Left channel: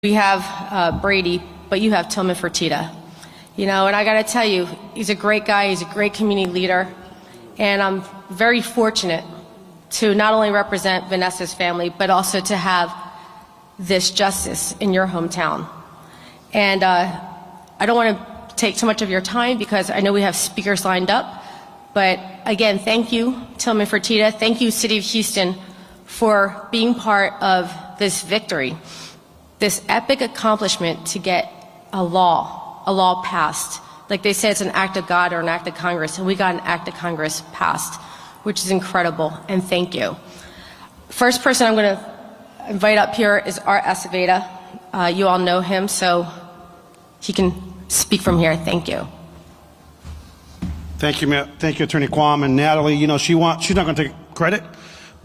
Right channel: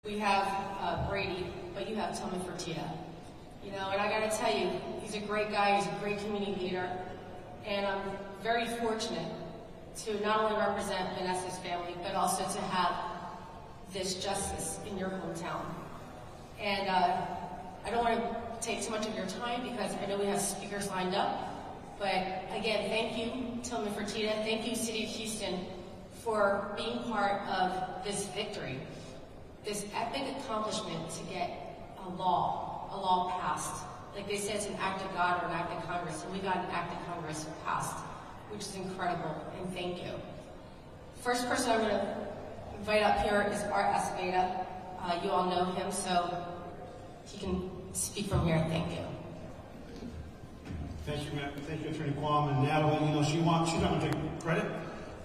We have Brady, but you have Tillman Fertitta. You know, and I got to tell you, he's a great guy. He's a great community leader. And I'm very fortunate to not only represent Vanessa's family, but also to have this justice in your hometown. And I don't want to take too much of your time because I know we have speakers lined up. But again, thank you, Tillman Fertitta. Thank you, City of Houston, for being part of this victory, this epic accomplishment to get a law passed. Like they say, it's an act of God or an act of Congress, and we got an act of Congress passed, which is incredible, and thank you. First person I'm going to invite up here is Art Acevedo. You all know him, so he can speak from here. Thank you. Thank you, Attorney Quam. And Natalie, you know, she's not going to take credit,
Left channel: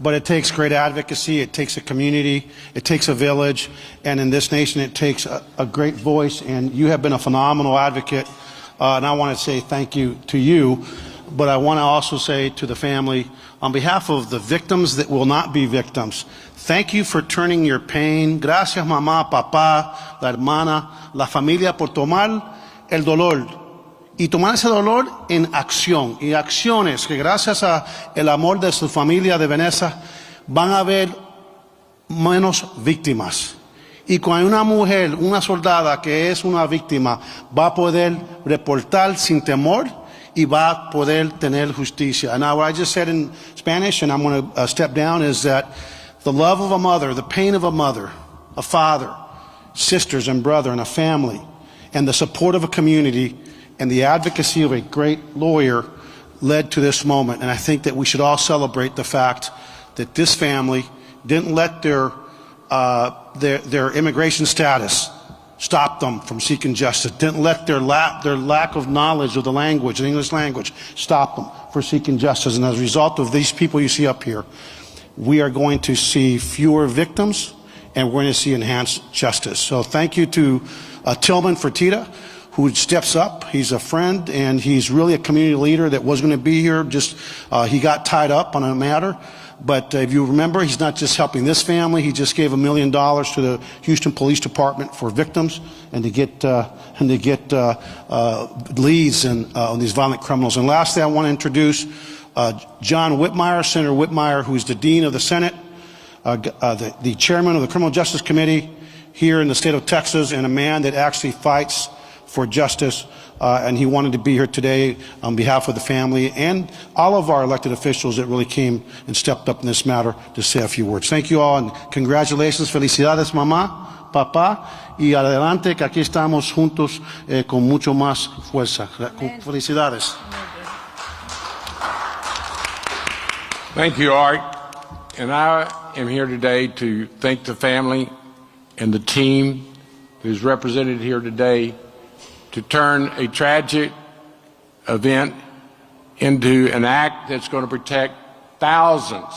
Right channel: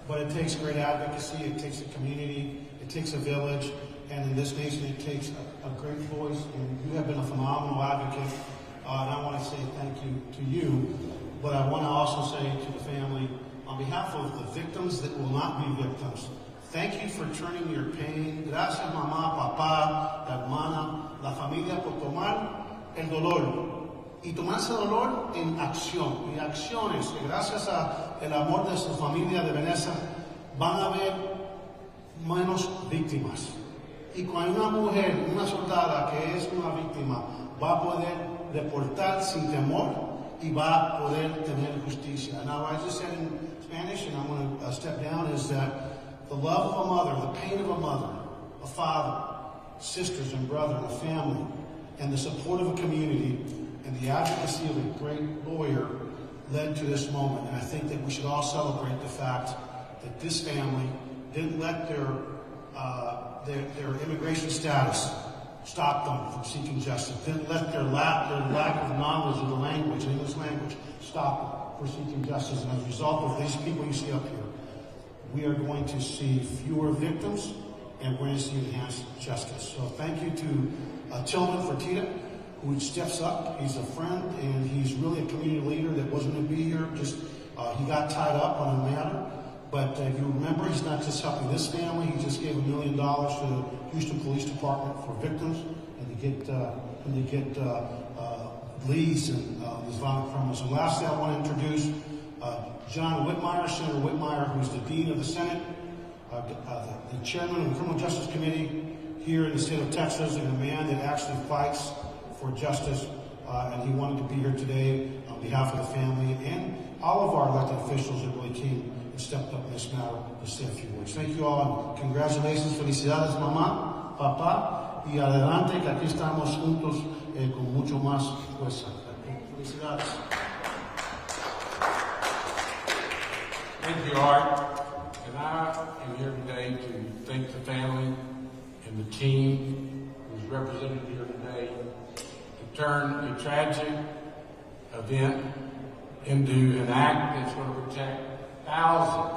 but it takes great advocacy, it takes a community, it takes a village, and in this nation it takes a great voice, and you have been a phenomenal advocate, and I want to say thank you to you, but I want to also say to the family, on behalf of the victims that will not be victims, thank you for turning your pain. Gracias, mamá, papá, la hermana, la familia por tomar el dolor y tomar ese dolor en acción y acciones que gracias a el amor de su familia de Vanessa van a haber menos víctimas. Y cuando una mujer, una soldada que es una víctima va a poder reportar sin temor y va a poder tener justicia. And now what I just said in Spanish, and I'm going to step down, is that the love of a mother, the pain of a mother, a father, sisters and brother and a family, and the support of a community and the advocacy of a great lawyer led to this moment. And I think that we should all celebrate the fact that this family didn't let their immigration status stop them from seeking justice, didn't let their lack of knowledge of the language, the English language, stop them from seeking justice. And as a result of these people you see up here, we are going to see fewer victims and we're going to see enhanced justice. So thank you to Tillman Fertitta, who steps up. He's a friend, and he's really a community leader that was going to be here. Just he got tied up on a matter. But if you remember, he's not just helping this family. He just gave $1 million to the Houston Police Department for victims and to get leads on these violent criminals. And lastly, I want to introduce John Whitmire, Senator Whitmire, who's the Dean of the Senate, the Chairman of the Criminal Justice Committee here in the state of Texas, and a man that actually fights for justice, and he wanted to be here today on behalf of the family and all of our elected officials that really came and stepped up in this matter to say a few words. Thank you all, and congratulations. Felicidades, mamá, papá, y adelante, que aquí estamos juntos con mucho más fuerza. Felicidades. Thank you, Art. And I am here today to thank the family and the team who's represented here today to turn a tragic event into an act that's going to protect thousands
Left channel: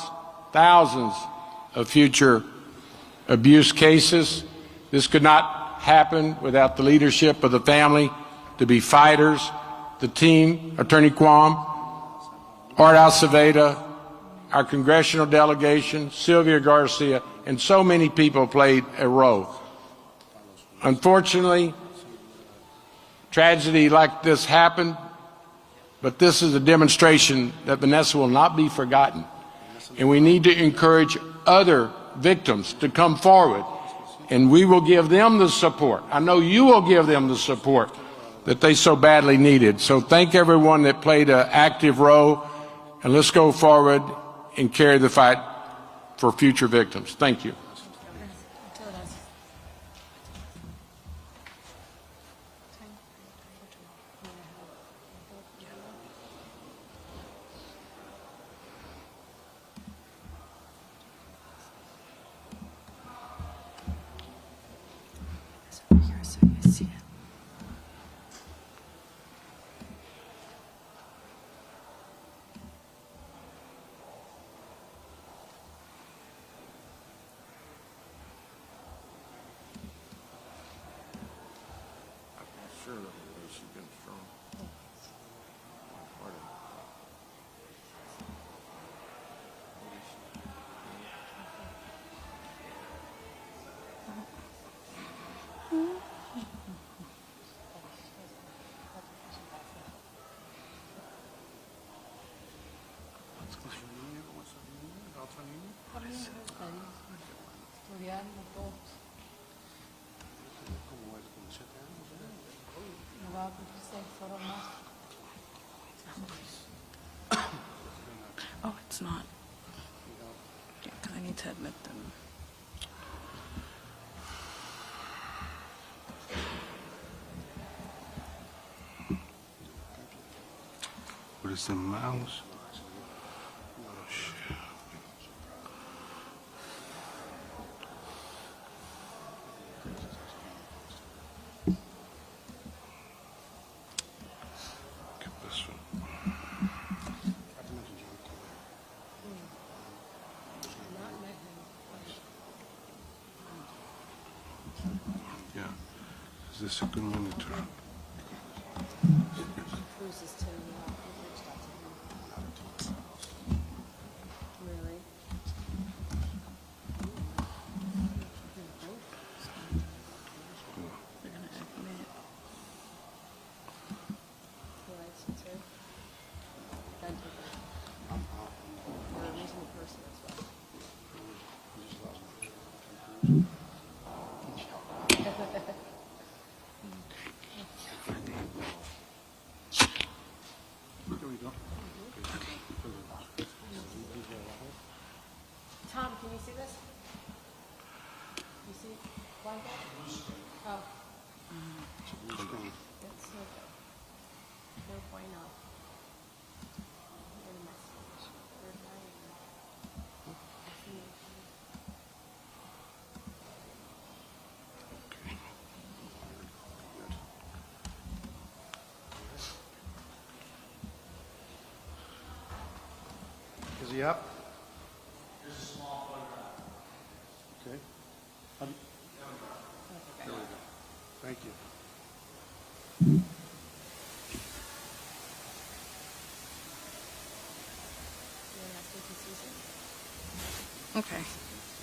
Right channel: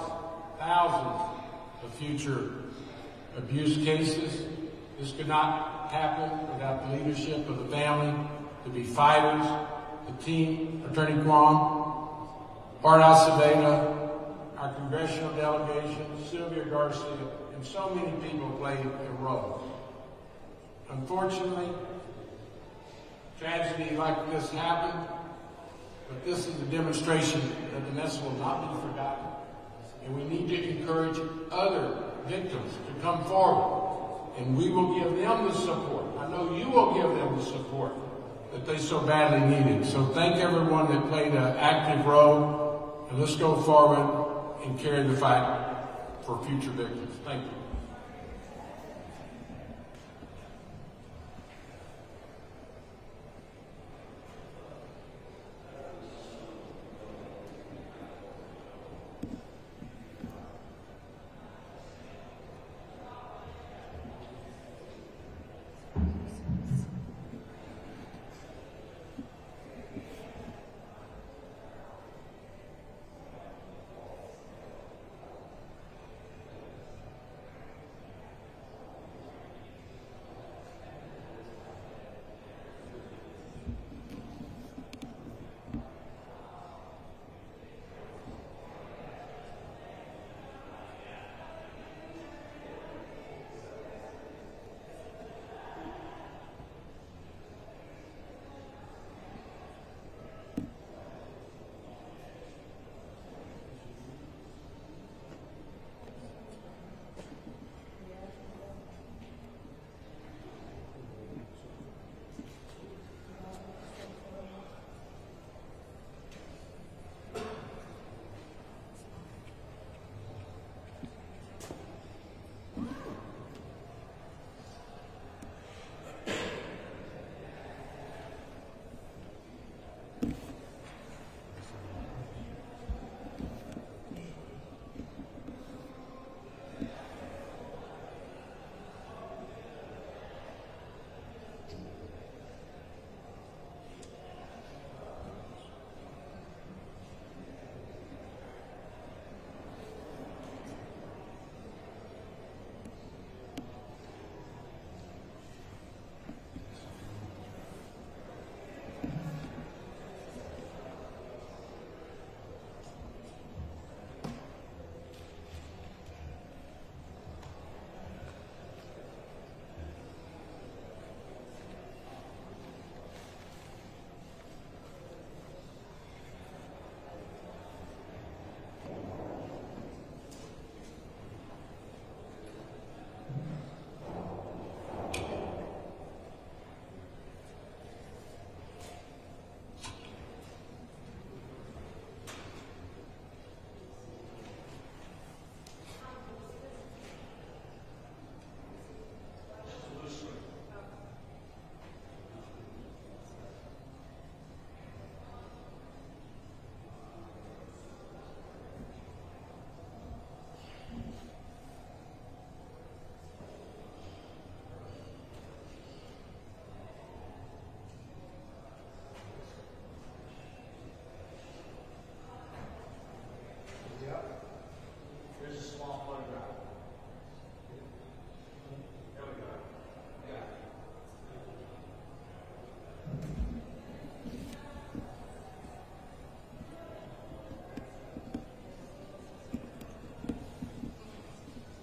of future abuse cases. This could not happen without the leadership of the family, to be fighters, the team, Attorney Quam, Art Acevedo, our congressional delegation, Sylvia Garcia, and so many people played a role. Unfortunately, tragedy like this happened, but this is a demonstration that Vanessa will not be forgotten. And we need to encourage other victims to come forward, and we will give them the support. I know you will give them the support that they so badly needed. So thank everyone that played an active role, and let's go forward and carry the fight for future victims. Thank you. mouse. Is this a good one to turn? Is he up? Here's a small photograph. Okay. Thank you. Okay.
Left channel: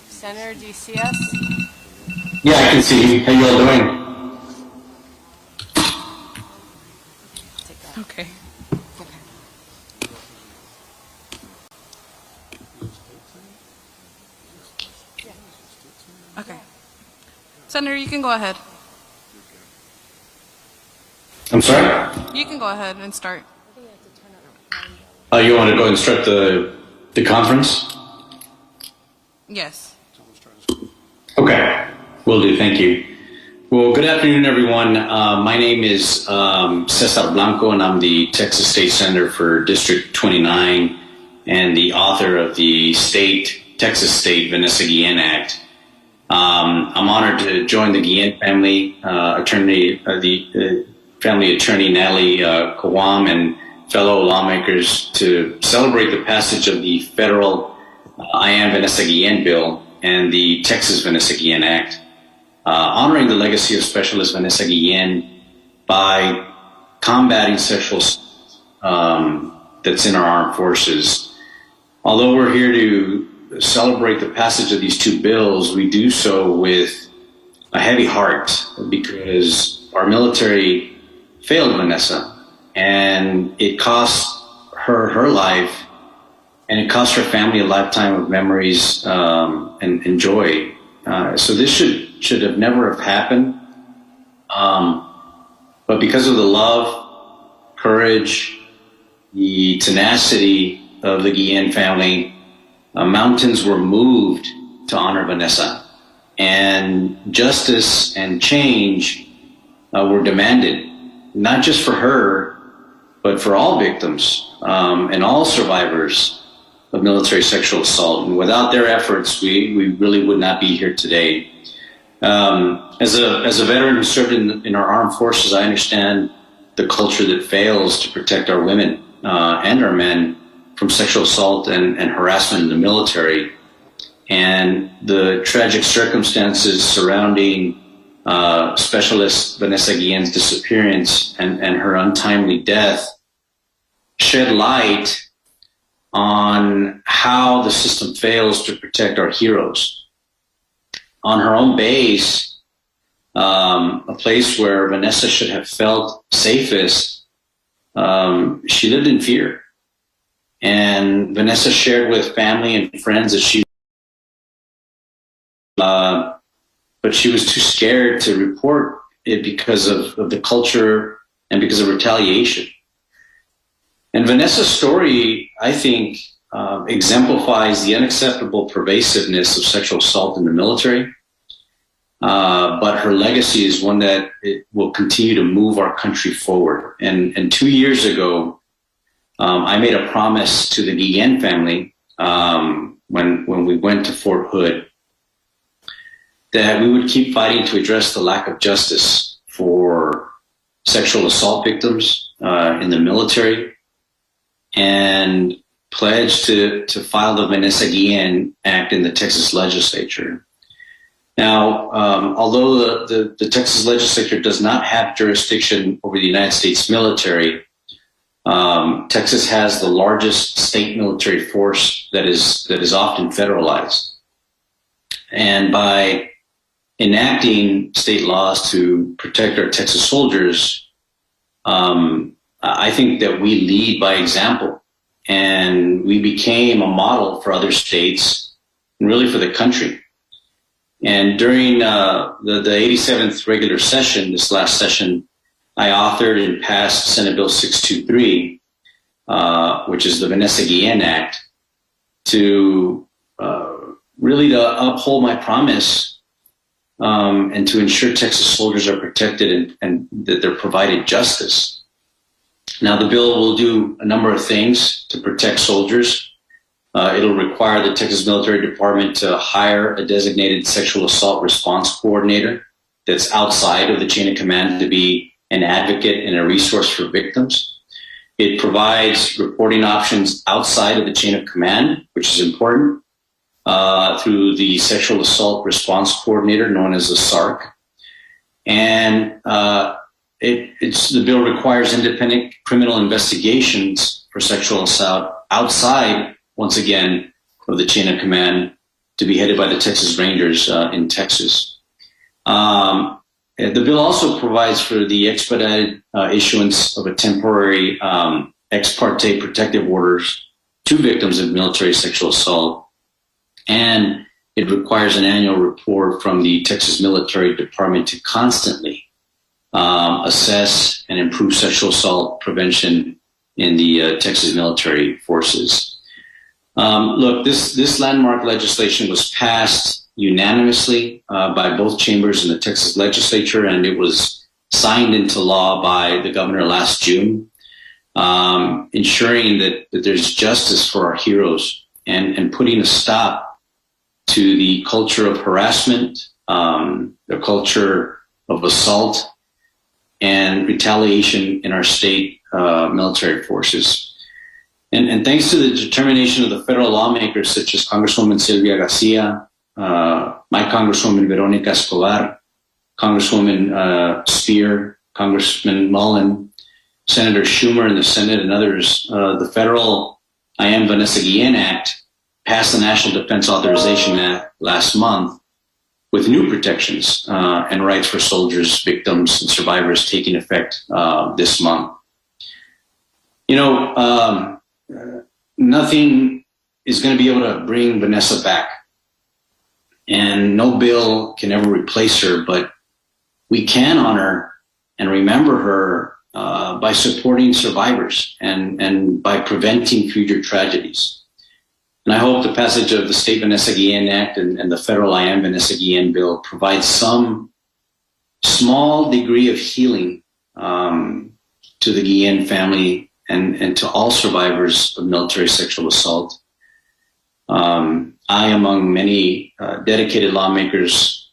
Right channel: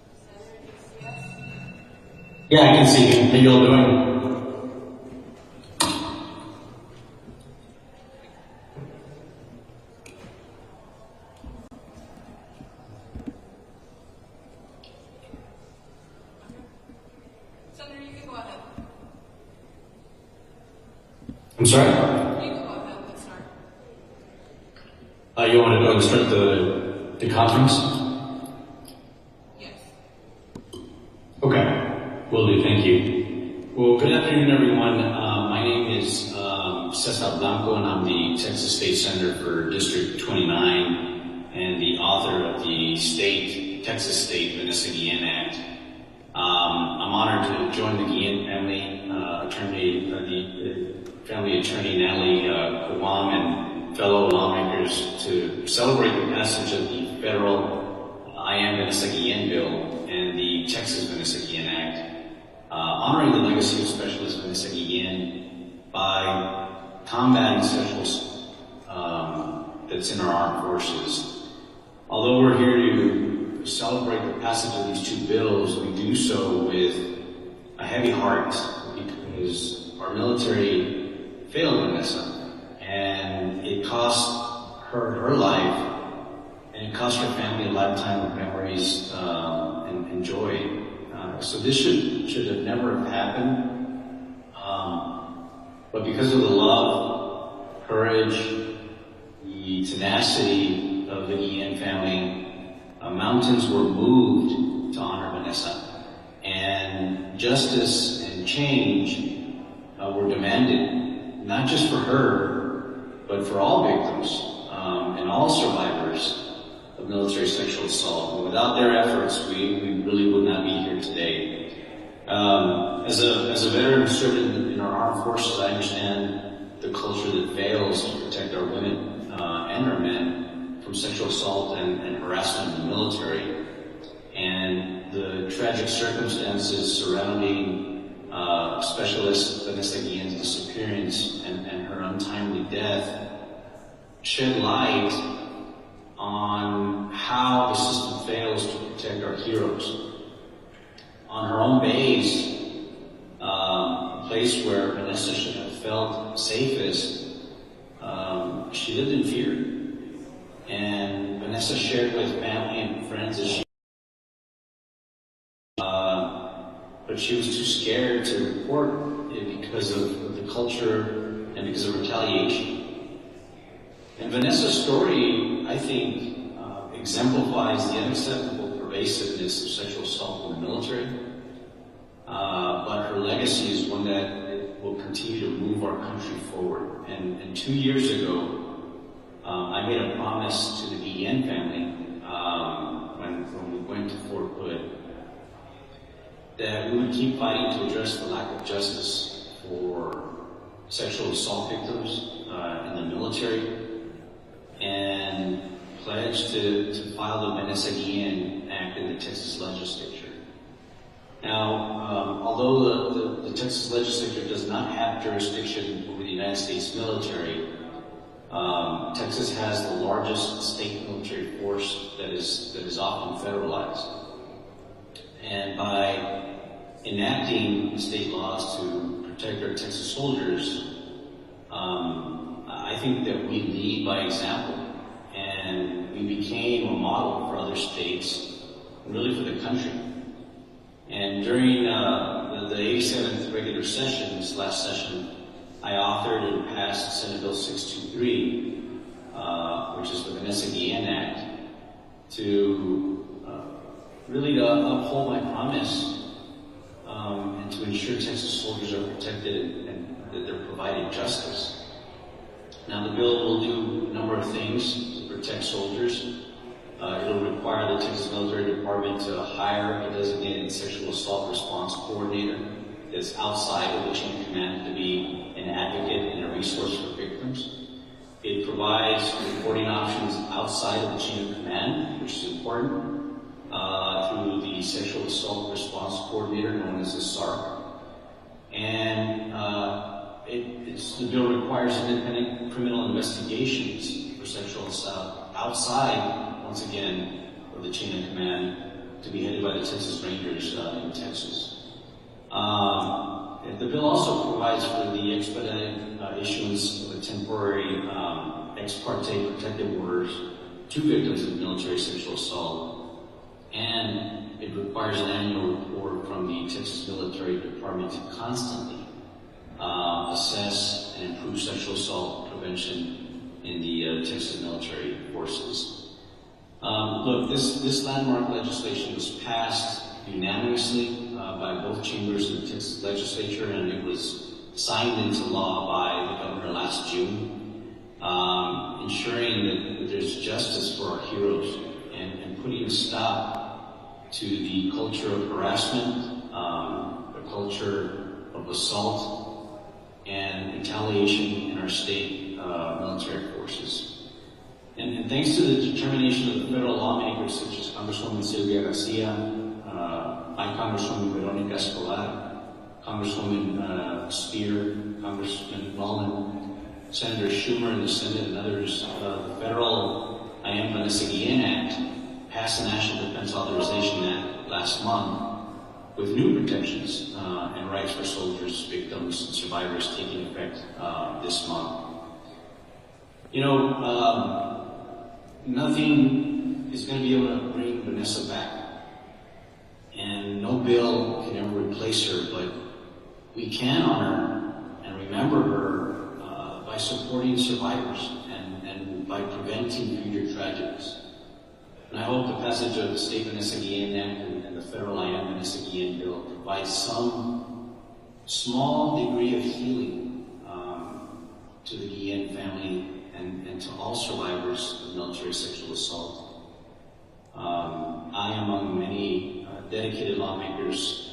Senator, do you see us? Yeah, I can see. How you all doing? Okay. Okay. Senator, you can go ahead. I'm sorry? You can go ahead and start. You want to go and start the conference? Yes. Okay, will do. Thank you. Well, good afternoon, everyone. My name is Cesar Blanco, and I'm the Texas State Senator for District 29 and the author of the Texas State Vanessa Guillen Act. I'm honored to join the Guillen family, the family attorney Natalie Kawam, and fellow lawmakers to celebrate the passage of the federal I Am Vanessa Guillen bill and the Texas Vanessa Guillen Act, honoring the legacy of Specialist Vanessa Guillen by combating sexual that's in our armed forces. Although we're here to celebrate the passage of these two bills, we do so with a heavy heart because our military failed Vanessa, and it cost her her life, and it cost her family a lifetime of memories and joy. So this should have never have happened. But because of the love, courage, the tenacity of the Guillen family, mountains were moved to honor Vanessa, and justice and change were demanded, not just for her, but for all victims and all survivors of military sexual assault. And without their efforts, we really would not be here today. As a veteran who served in our armed forces, I understand the culture that fails to protect our women and our men from sexual assault and harassment in the military. And the tragic circumstances surrounding Specialist Vanessa Guillen's disappearance and her untimely death shed light on how the system fails to protect our heroes. On her own base, a place where Vanessa should have felt safest, she lived in fear. And Vanessa shared with family and friends that but she was too scared to report it because of the culture and because of retaliation. And Vanessa's story, I think, exemplifies the unacceptable pervasiveness of sexual assault in the military. But her legacy is one that it will continue to move our country forward. And 2 years ago, I made a promise to the Guillen family when we went to Fort Hood that we would keep fighting to address the lack of justice for sexual assault victims in the military, and pledged to file the Vanessa Guillen Act in the Texas legislature. Now, although the Texas legislature does not have jurisdiction over the United States military, Texas has the largest state military force that is often federalized. And by enacting state laws to protect our Texas soldiers, I think that we lead by example, and we became a model for other states and really for the country. And during the 87th regular session, this last session, I authored and passed Senate Bill 623, which is the Vanessa Guillen Act, to really to uphold my promise and to ensure Texas soldiers are protected and that they're provided justice. Now, the bill will do a number of things to protect soldiers. It'll require the Texas Military Department to hire a designated sexual assault response coordinator that's outside of the chain of command to be an advocate and a resource for victims. It provides reporting options outside of the chain of command, which is important, through the Sexual Assault Response Coordinator, known as the SARC. And the bill requires independent criminal investigations for sexual assault outside, once again, of the chain of command, to be headed by the Texas Rangers in Texas. The bill also provides for the expedited issuance of a temporary ex parte protective orders to victims of military sexual assault. And it requires an annual report from the Texas Military Department to constantly assess and improve sexual assault prevention in the Texas military forces. Look, this landmark legislation was passed unanimously by both chambers in the Texas legislature, and it was signed into law by the governor last June, ensuring that there's justice for our heroes and putting a stop to the culture of harassment, the culture of assault and retaliation in our state military forces. And thanks to the determination of the federal lawmakers such as Congresswoman Garcia, my Congresswoman Veronica Escobar, Congresswoman Speier, Congressman Mullen, Senator Schumer in the Senate, and others, the federal I Am Vanessa Guillen Act passed the National Defense Authorization Act last month with new protections and rights for soldiers, victims, and survivors taking effect this month. You know, nothing is going to be able to bring Vanessa back, and no bill can ever replace her, but we can honor and remember her by supporting survivors and by preventing future tragedies. And I hope the passage of the State Vanessa Guillen Act and the federal I Am Vanessa Guillen bill provides some small degree of healing to the Guillen family and to all survivors of military sexual assault. I, among many dedicated lawmakers,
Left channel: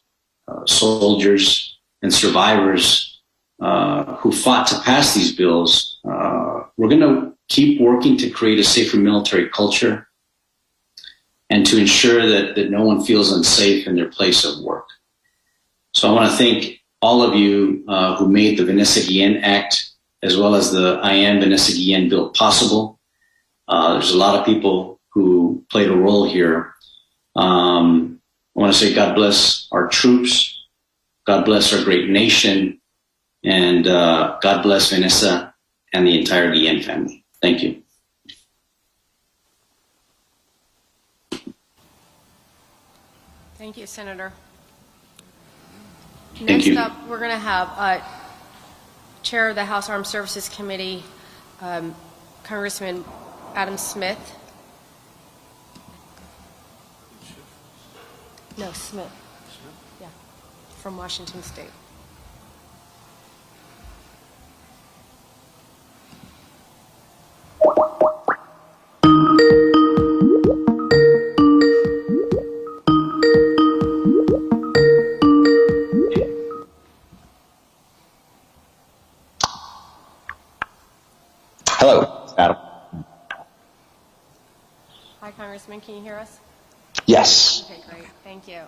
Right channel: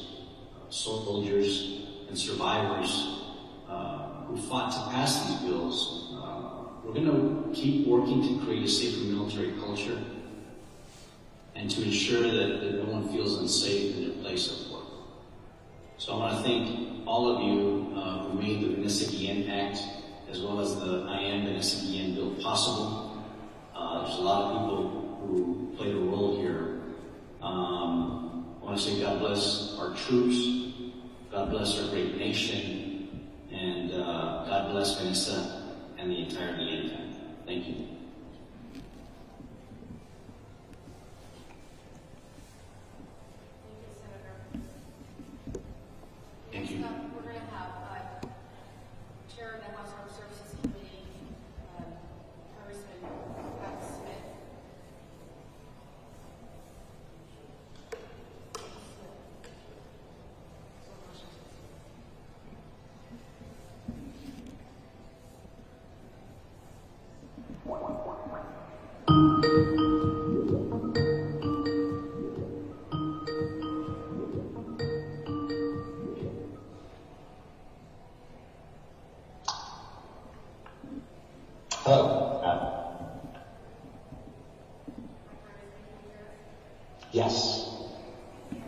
soldiers, and survivors who fought to pass these bills, we're going to keep working to create a safer military culture and to ensure that no one feels unsafe in their place of work. So I want to thank all of you who made the Vanessa Guillen Act as well as the I Am Vanessa Guillen bill possible. There's a lot of people who played a role here. I want to say God bless our troops, God bless our great nation, and God bless Vanessa and the entire Guillen family. Thank you. Thank you, Senator. Thank Next you. up, we're going to have Chair of the House Armed Services Committee, Congressman Adam Smith. No, Smith. Yeah, from Washington State. Hello, Adam. Hi, Congressman. Can you hear us? Yes. Okay, great. Thank you.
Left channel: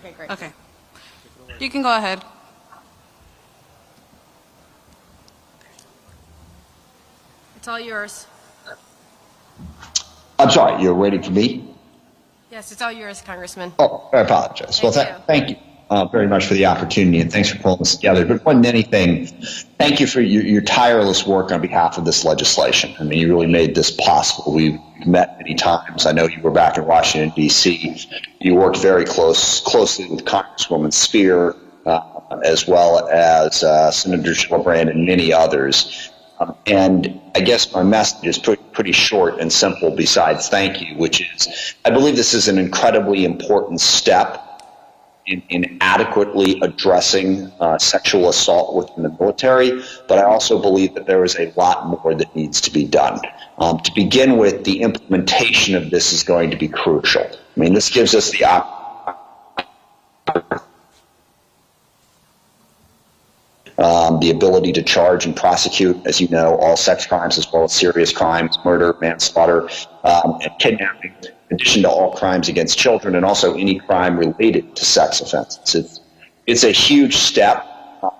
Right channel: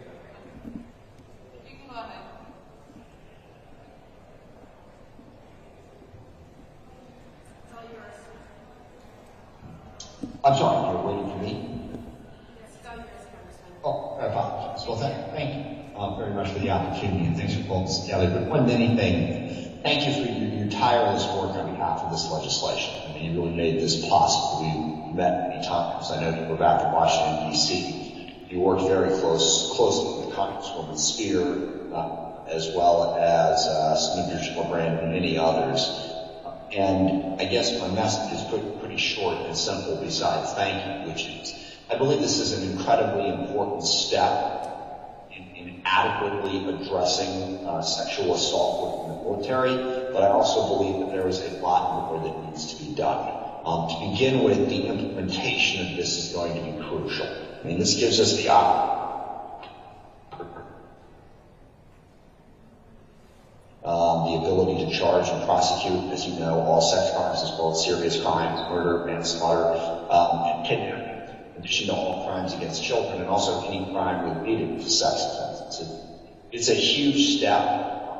Okay, great. Okay. You can go ahead. It's all yours. I'm sorry, you're waiting for me? Yes, it's all yours, Congressman. Oh, I apologize. Thank you. Thank you very much for the opportunity, and thanks for pulling this together. But more than anything, thank you for your tireless work on behalf of this legislation. I mean, you really made this possible. We've met many times. I know you were back in Washington, D.C. You worked very closely with Congresswoman Speier, as well as Senator Gillibrand and many others. And I guess my message is pretty short and simple besides thank you, which is I believe this is an incredibly important step in adequately addressing sexual assault within the military, but I also believe that there is a lot more that needs to be done. To begin with, the implementation of this is going to be crucial. I mean, this gives us the ability to charge and prosecute, as you know, all sex crimes as well as serious crimes, murder, manslaughter, and kidnapping, in addition to all crimes against children and also any crime related to sex offenses. It's a huge step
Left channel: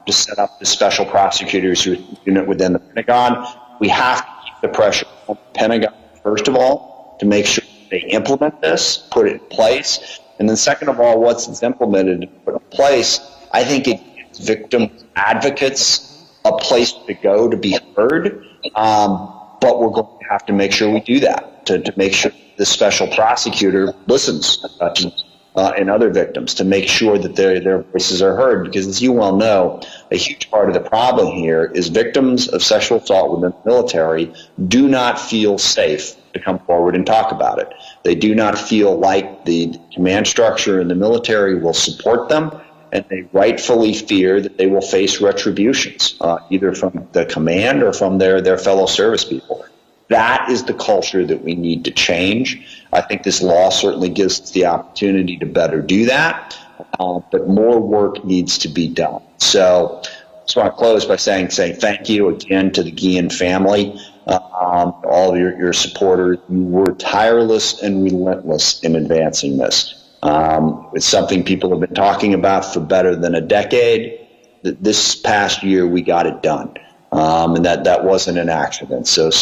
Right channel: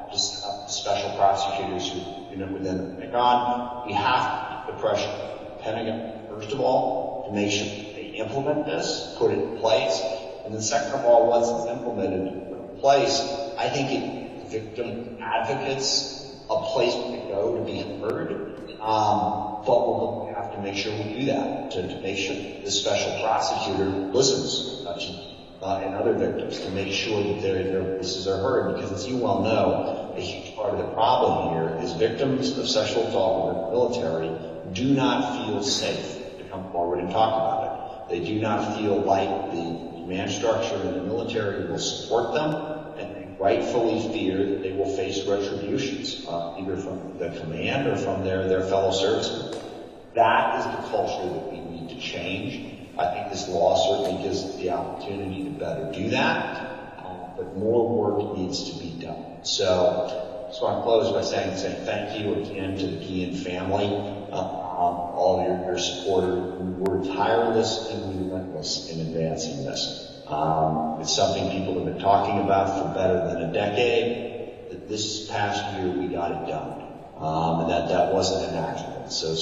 to set up the special prosecutors unit within the Pentagon. We have to keep the pressure on the Pentagon, first of all, to make sure they implement this, put it in place, and then second of all, once it's implemented and put in place, I think it victim advocates a place to go to be heard, but we're going to have to make sure we do that to make sure the special prosecutor listens and other victims to make sure that their voices are heard, because as you well know, a huge part of the problem here is victims of sexual assault within the military do not feel safe to come forward and talk about it. They do not feel like the command structure in the military will support them, and they rightfully fear that they will face retributions, either from the command or from their fellow service people. That is the culture that we need to change. I think this law certainly gives us the opportunity to better do that, but more work needs to be done. So I just want to close by saying thank you again to the Guillen family, all of your supporters. You were tireless and relentless in advancing this. It's something people have been talking about for better than a decade. This past year, we got it done, and that wasn't an accident. So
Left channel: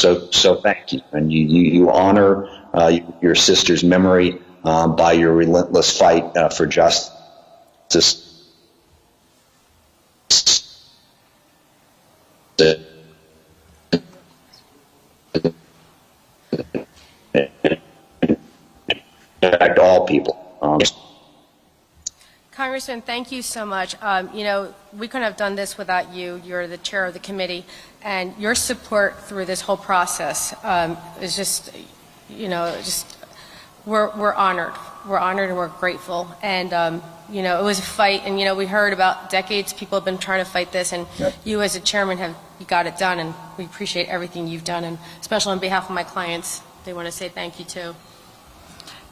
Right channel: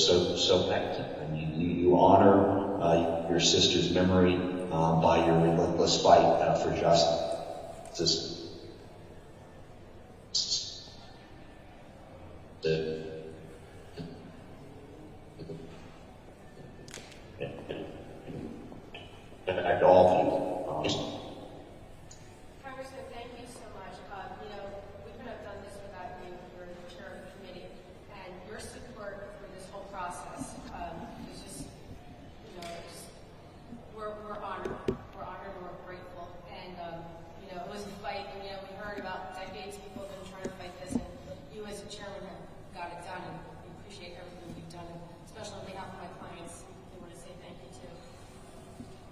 thank you, and you honor your sister's memory by your relentless fight for justice. Affect all people. Congressman, thank you so much. You know, we couldn't have done this without you. You're the chair of the committee, and your support through this whole process is just, you know, we're honored. We're honored and we're grateful. And you know, it was a fight, and you know, we heard about decades people have been trying to fight this, and you as a chairman you got it done, and we appreciate everything you've done, and especially on behalf of my clients, they want to say thank you too.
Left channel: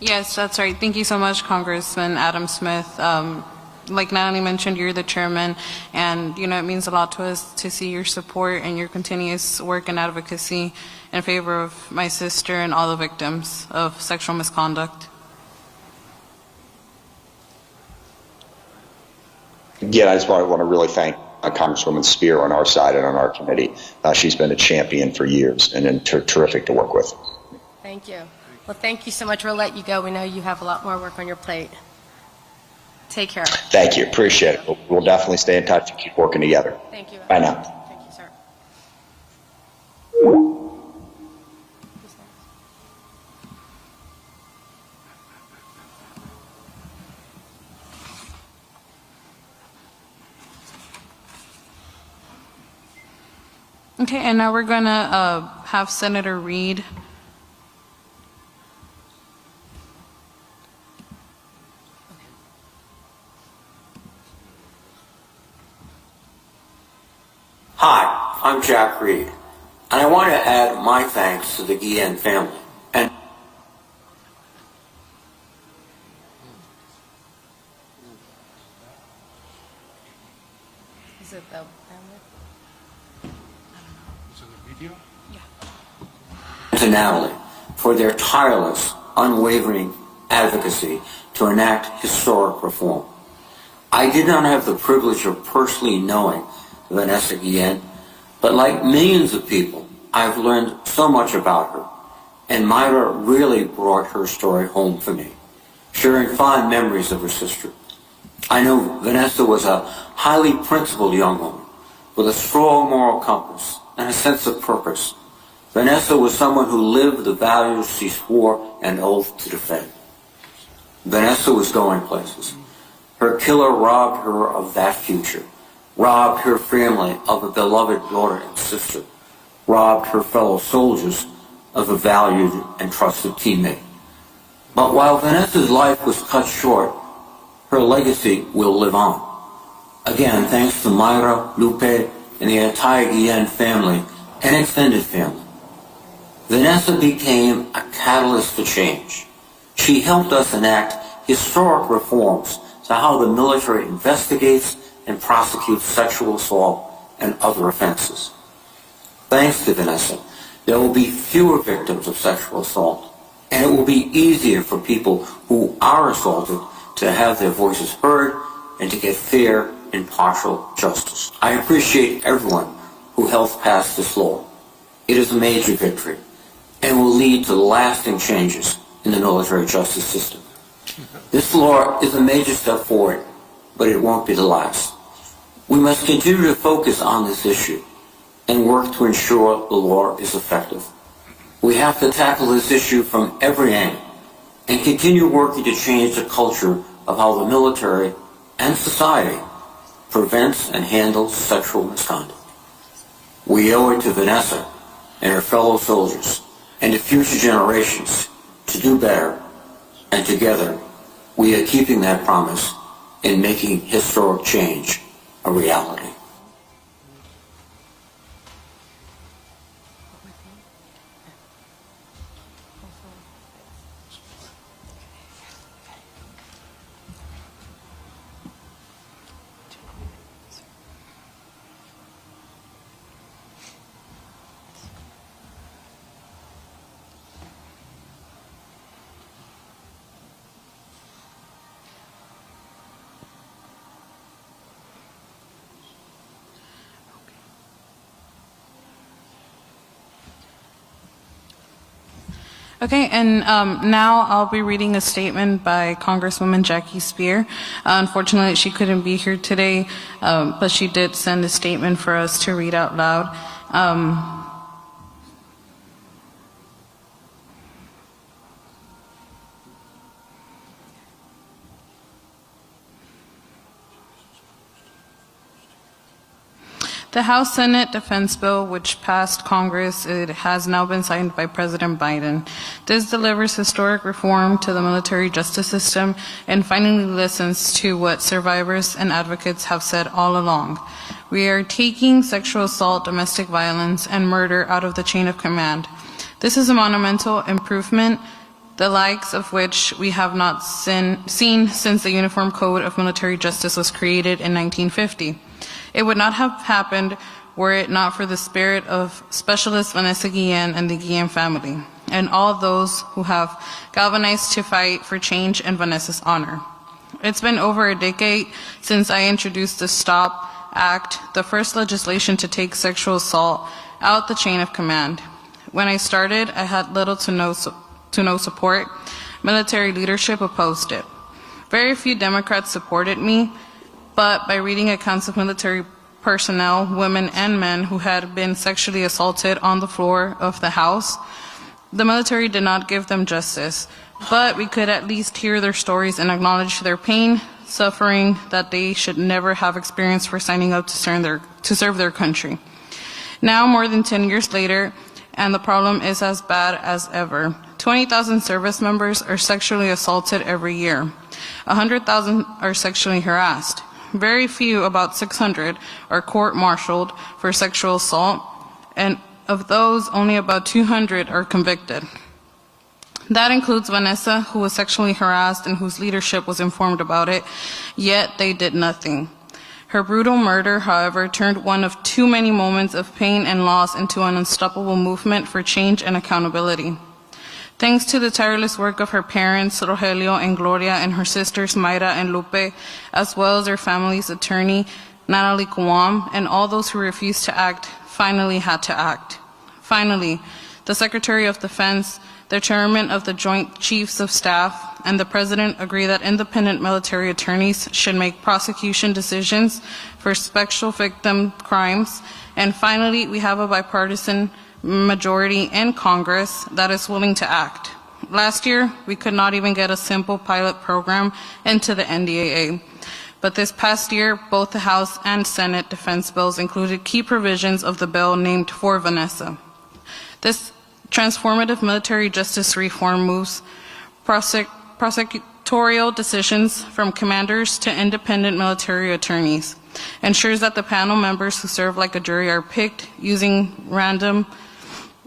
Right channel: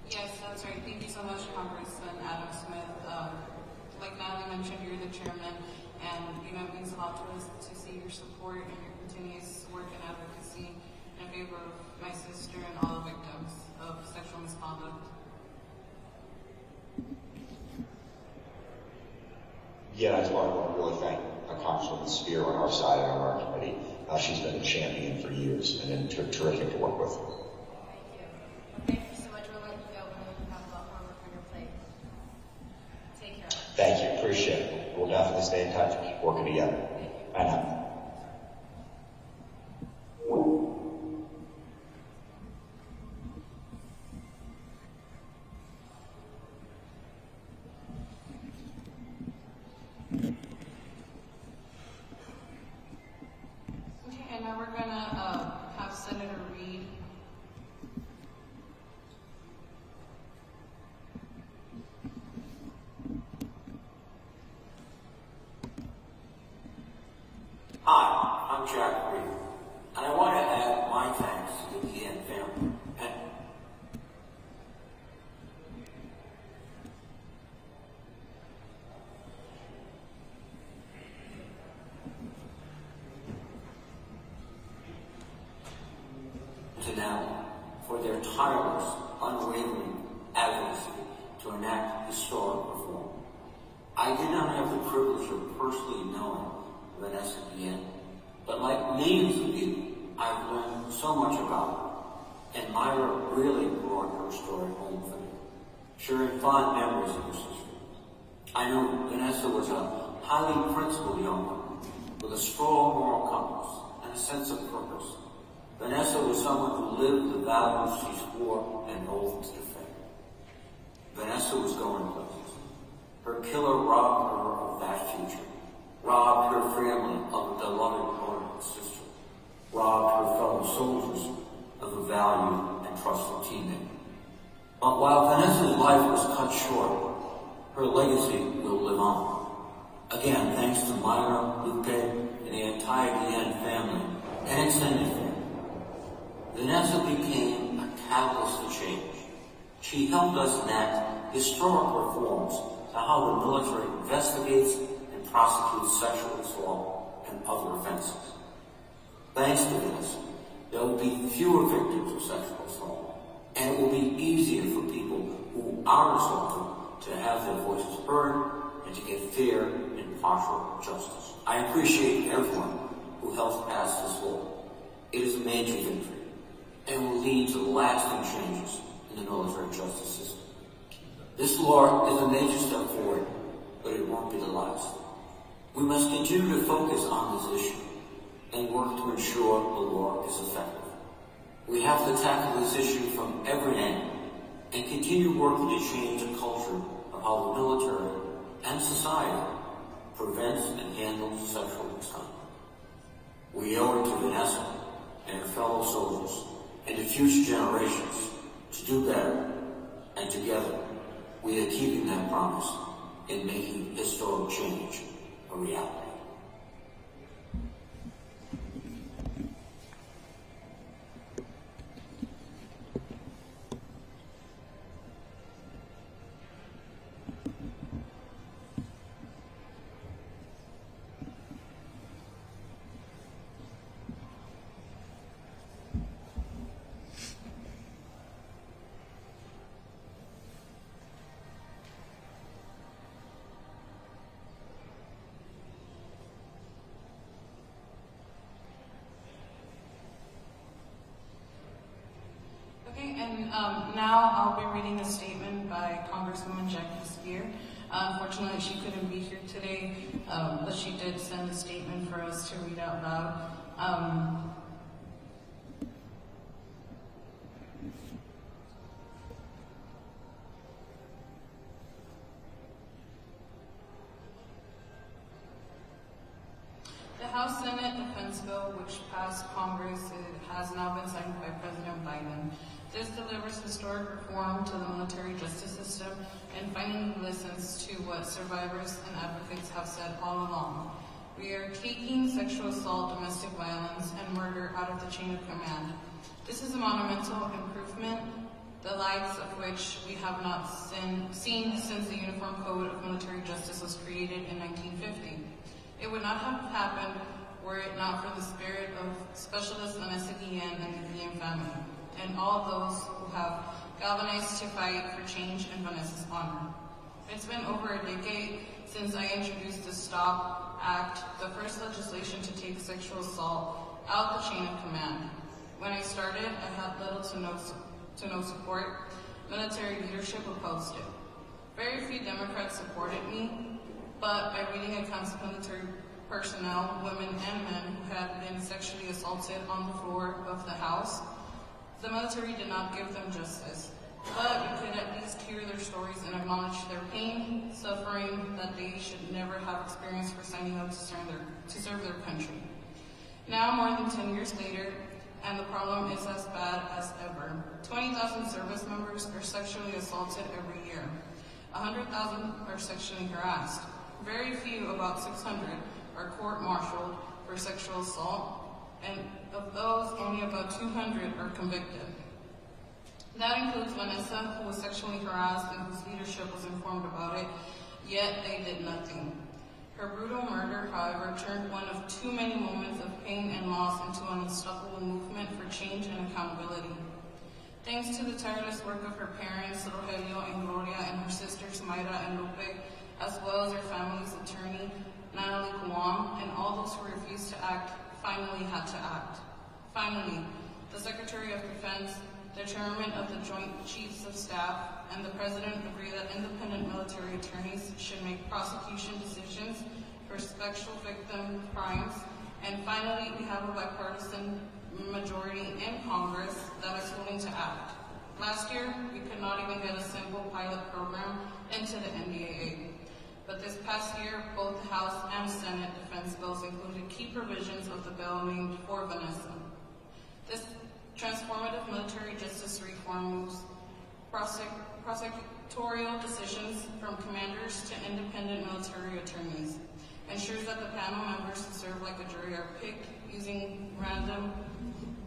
Yes, that's right. Thank you so much, Congressman Adam Smith. Like Natalie mentioned, you're the chairman, and you know it means a lot to us to see your support and your continuous work and advocacy in favor of my sister and all the victims of sexual misconduct. Again, I just want to really thank Congresswoman Speier on our side and on our committee. She's been a champion for years and terrific to work with. Thank you. Well, thank you so much. We'll let you go. We know you have a lot more work on your plate. Take care. Thank you. Appreciate it. We'll definitely stay in touch and keep working together. Thank you. Bye now. Thank you, sir. Okay, and now we're going to have Senator Reid. Hi, I'm Jack Reed, and I want to add my thanks to the Guillen family. And Is it the To Natalie for their tireless, unwavering advocacy to enact historic reform. I did not have the privilege of personally knowing Vanessa Guillen, but like millions of people, I've learned so much about her, and Myra really brought her story home for me, sharing fond memories of her sister. I know Vanessa was a highly principled young woman with a strong moral compass and a sense of purpose. Vanessa was someone who lived the values she swore an oath to defend. Vanessa was going places. Her killer robbed her of that future, robbed her family of a beloved daughter and sister, robbed her fellow soldiers of a valued and trusted teammate. But while Vanessa's life was cut short, her legacy will live on. Again, thanks to Myra, Lupe, and the entire Guillen family and extended family. Vanessa became a catalyst for change. She helped us enact historic reforms to how the military investigates and prosecutes sexual assault and other offenses. Thanks to Vanessa, there will be fewer victims of sexual assault, and it will be easier for people who are assaulted to have their voices heard and to get fair, impartial justice. I appreciate everyone who helped pass this law. It is a major victory and will lead to lasting changes in the military justice system. This law is a major step forward, but it won't be the last. We must continue to focus on this issue and work to ensure the law is effective. We have to tackle this issue from every angle and continue working to change the culture of how the military and society prevents and handles sexual misconduct. We owe it to Vanessa and her fellow soldiers and to future generations to do better, and together we are keeping that promise in making historic change a reality. Okay, and now I'll be reading a statement by Congresswoman Jackie Speier. Unfortunately, she couldn't be here today, but she did send a statement for us to read out loud. The House Senate Defense Bill, which passed Congress, it has now been signed by President Biden. This delivers historic reform to the military justice system and finally listens to what survivors and advocates have said all along. We are taking sexual assault, domestic violence, and murder out of the chain of command. This is a monumental improvement, the likes of which we have not seen since the Uniform Code of Military Justice was created in 1950. It would not have happened were it not for the spirit of Specialist Vanessa Guillen and the Guillen family, and all those who have galvanized to fight for change in Vanessa's honor. It's been over a decade since I introduced the STOP Act, the first legislation to take sexual assault out the chain of command. When I started, I had little to no support. Military leadership opposed it. Very few Democrats supported me, but by reading accounts of military personnel, women and men who had been sexually assaulted on the floor of the House, the military did not give them justice, but we could at least hear their stories and acknowledge their pain, suffering that they should never have experienced for signing up to serve their country. Now, more than 10 years later, and the problem is as bad as ever. 20,000 service members are sexually assaulted every year. 100,000 are sexually harassed. Very few, about 600, are court-martialed for sexual assault, and of those, only about 200 are convicted. That includes Vanessa, who was sexually harassed and whose leadership was informed about it, yet they did nothing. Her brutal murder, however, turned one of too many moments of pain and loss into an unstoppable movement for change and accountability. Thanks to the tireless work of her parents, Rogelio and Gloria, and her sisters, Mayra and Lupe, as well as their family's attorney, Natalie Guam, and all those who refused to act, finally had to act. Finally, the Secretary of Defense, the Chairman of the Joint Chiefs of Staff, and the President agree that independent military attorneys should make prosecution decisions for special victim crimes. And finally, we have a bipartisan majority in Congress that is willing to act. Last year, we could not even get a simple pilot program into the NDAA. But this past year, both the House and Senate defense bills included key provisions of the bill named For Vanessa. This transformative military justice reform moves prosecutorial decisions from commanders to independent military attorneys, ensures that the panel members who serve like a jury are picked using random,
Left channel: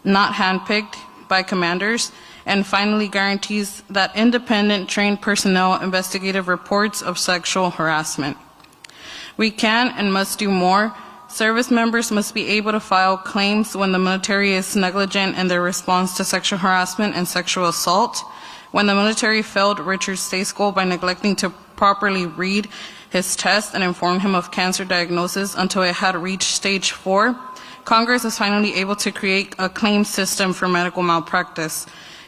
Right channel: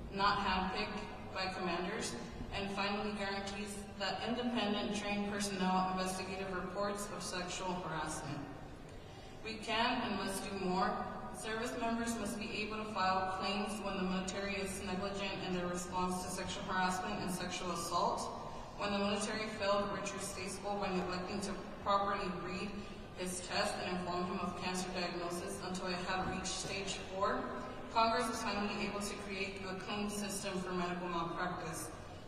not handpicked by commanders, and finally guarantees that independent trained personnel investigative reports of sexual harassment. We can and must do more. Service members must be able to file claims when the military is negligent in their response to sexual harassment and sexual assault. When the military failed Richard Stacegold by neglecting to properly read his test and inform him of cancer diagnosis until it had reached stage 4, Congress was finally able to create a claim system for medical malpractice,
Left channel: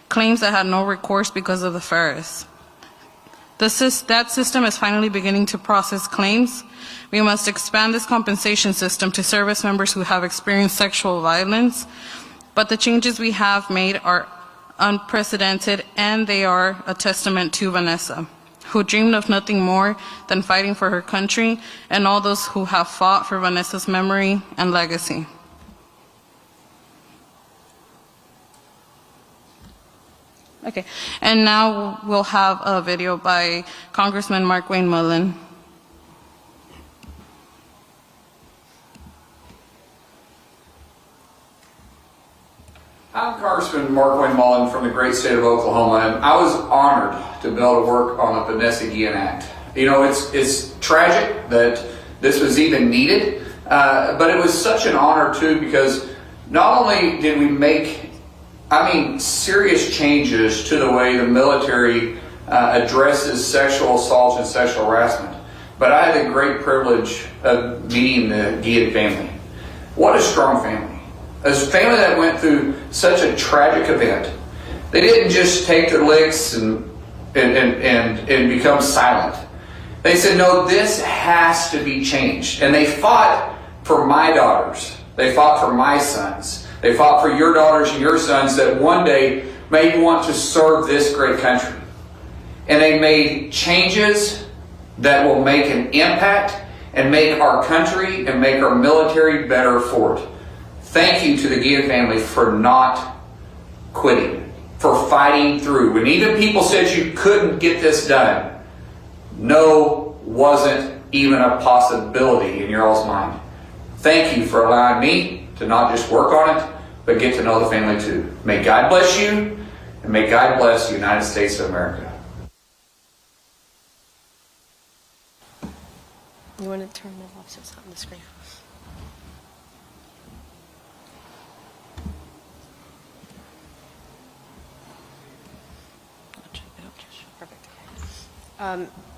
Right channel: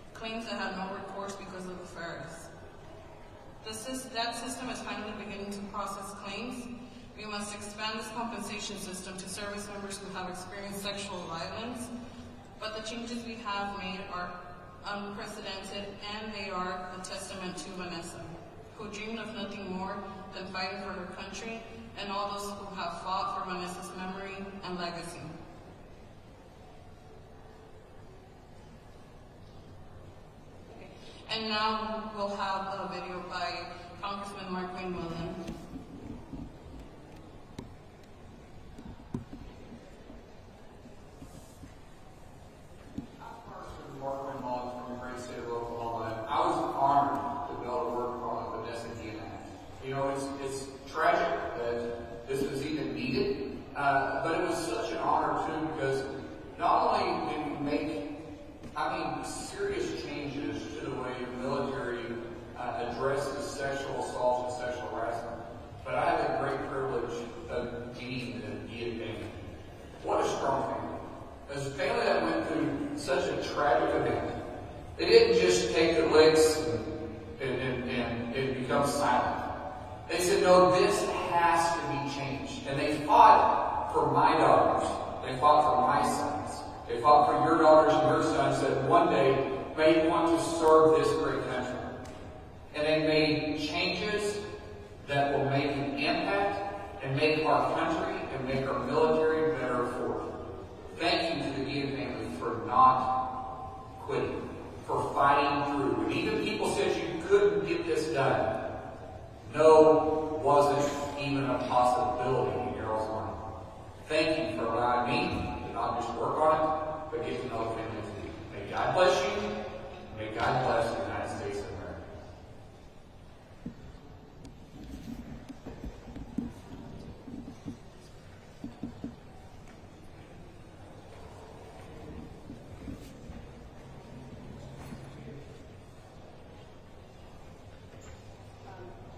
claims that had no recourse because of the FARIS. That system is finally beginning to process claims. We must expand this compensation system to service members who have experienced sexual violence, but the changes we have made are unprecedented, and they are a testament to Vanessa, who dreamed of nothing more than fighting for her country, and all those who have fought for Vanessa's memory and legacy. Okay, and now we'll have a video by Congressman Markwayne Mullin. I'm Congressman Markwayne Mullin from the great state of Oklahoma, and I was honored to be able to work on the Vanessa Guillen Act. You know, it's tragic that this was even needed, but it was such an honor too, because not only did we make serious changes to the way the military addresses sexual assault and sexual harassment, but I had the great privilege of meeting the Guillen family. What a strong family. As a family that went through such a tragic event, they didn't just take their licks and become silent. They said, no, this has to be changed. And they fought for my daughters. They fought for my sons. They fought for your daughters and your sons that one day may want to serve this great country. And they made changes that will make an impact and make our country and make our military better for it. Thank you to the Guillen family for not quitting, for fighting through. When even people said you couldn't get this done, no wasn't even a possibility in your all's mind. Thank you for allowing me to not just work on it, but get to know the family too. May God bless you, and may God bless the United States of America. You want to turn them off so it's on the screen?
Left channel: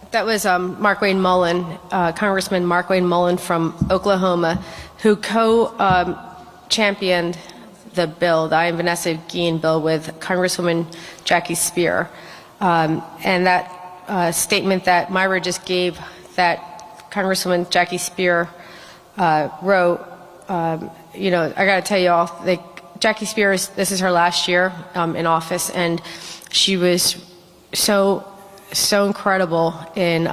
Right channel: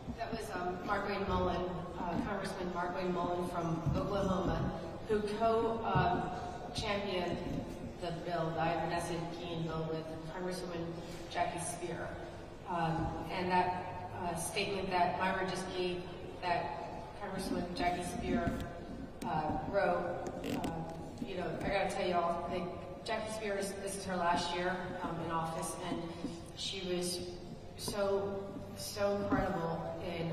That was Markwayne Mullin, Congressman Markwayne Mullin from Oklahoma, who co-championed the bill, the I and Vanessa Guillen bill, with Congresswoman Jackie Speier. And that statement that Myra just gave, that Congresswoman Jackie Speier wrote, you know, I got to tell you all, Jackie Speier, this is her last year in office, and she was so incredible in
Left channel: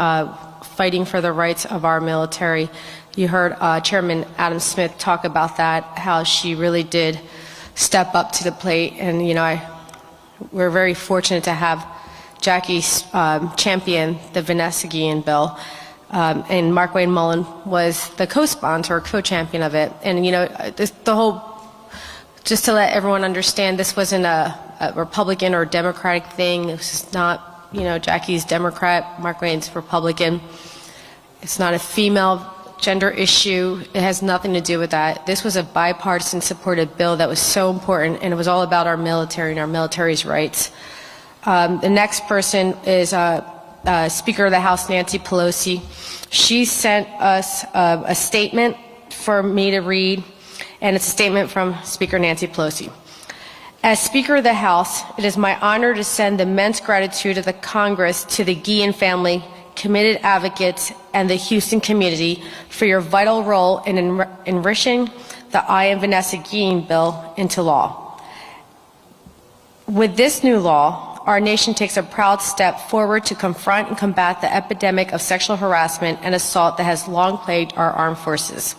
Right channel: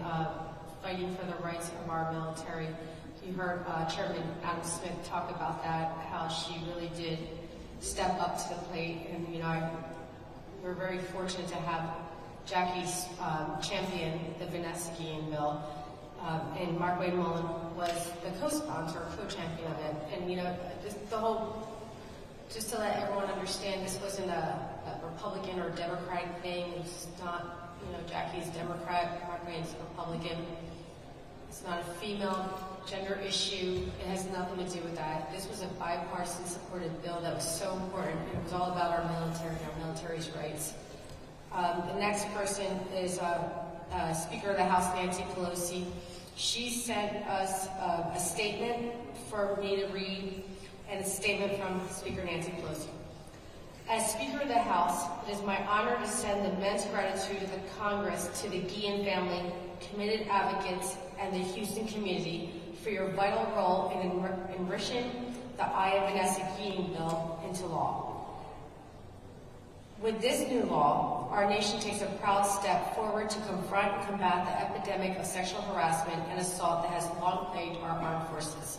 fighting for the rights of our military. You heard Chairman Adam Smith talk about that, how she really did step up to the plate, and you know, we're very fortunate to have Jackie champion the Vanessa Guillen bill, and Markwayne Mullin was the co-sponsor or co-champion of it. And you know, just to let everyone understand, this wasn't a Republican or Democratic thing. This is not, you know, Jackie's Democrat, Markwayne's Republican. It's not a female gender issue. It has nothing to do with that. This was a bipartisan supported bill that was so important, and it was all about our military and our military's rights. The next person is Speaker of the House, Nancy Pelosi. She sent us a statement for me to read, and it's a statement from Speaker Nancy Pelosi. As Speaker of the House, it is my honor to send immense gratitude of the Congress to the Guillen family, committed advocates, and the Houston community for your vital role in enriching the I and Vanessa Guillen bill into law. With this new law, our nation takes a proud step forward to confront and combat the epidemic of sexual harassment and assault that has long plagued our armed forces.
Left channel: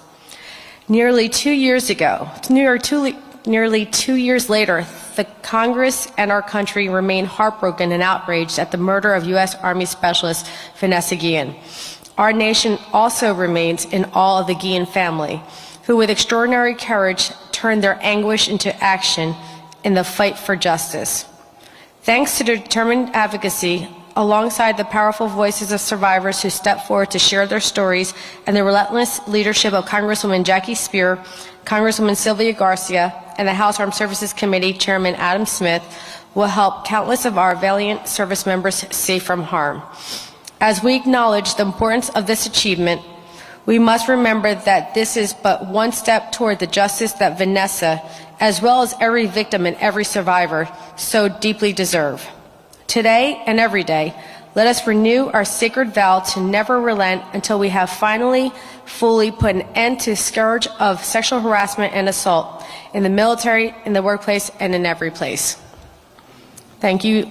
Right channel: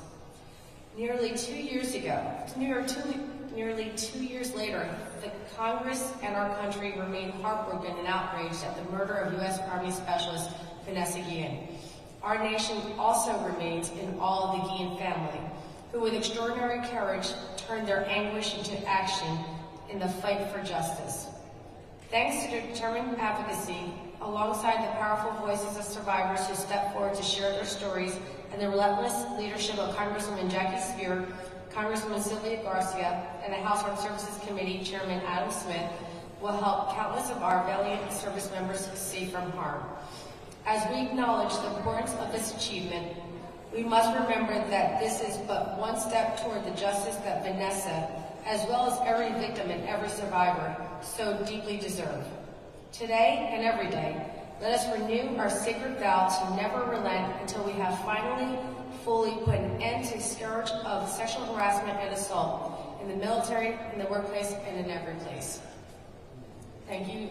Nearly 2 years ago, nearly 2 years later, the Congress and our country remain heartbroken and outraged at the murder of U.S. Army Specialist Vanessa Guillen. Our nation also remains in awe of the Guillen family, who with extraordinary courage turned their anguish into action in the fight for justice. Thanks to their determined advocacy, alongside the powerful voices of survivors who stepped forward to share their stories and the relentless leadership of Congresswoman Jackie Speier, Congresswoman Sylvia Garcia, and the House Armed Services Committee Chairman Adam Smith, will help countless of our valiant service members safe from harm. As we acknowledge the importance of this achievement, we must remember that this is but one step toward the justice that Vanessa, as well as every victim and every survivor, so deeply deserve. Today and every day, let us renew our sacred vow to never relent until we have finally, fully put an end to the scourge of sexual harassment and assault in the military, in the workplace, and in every place. Thank you,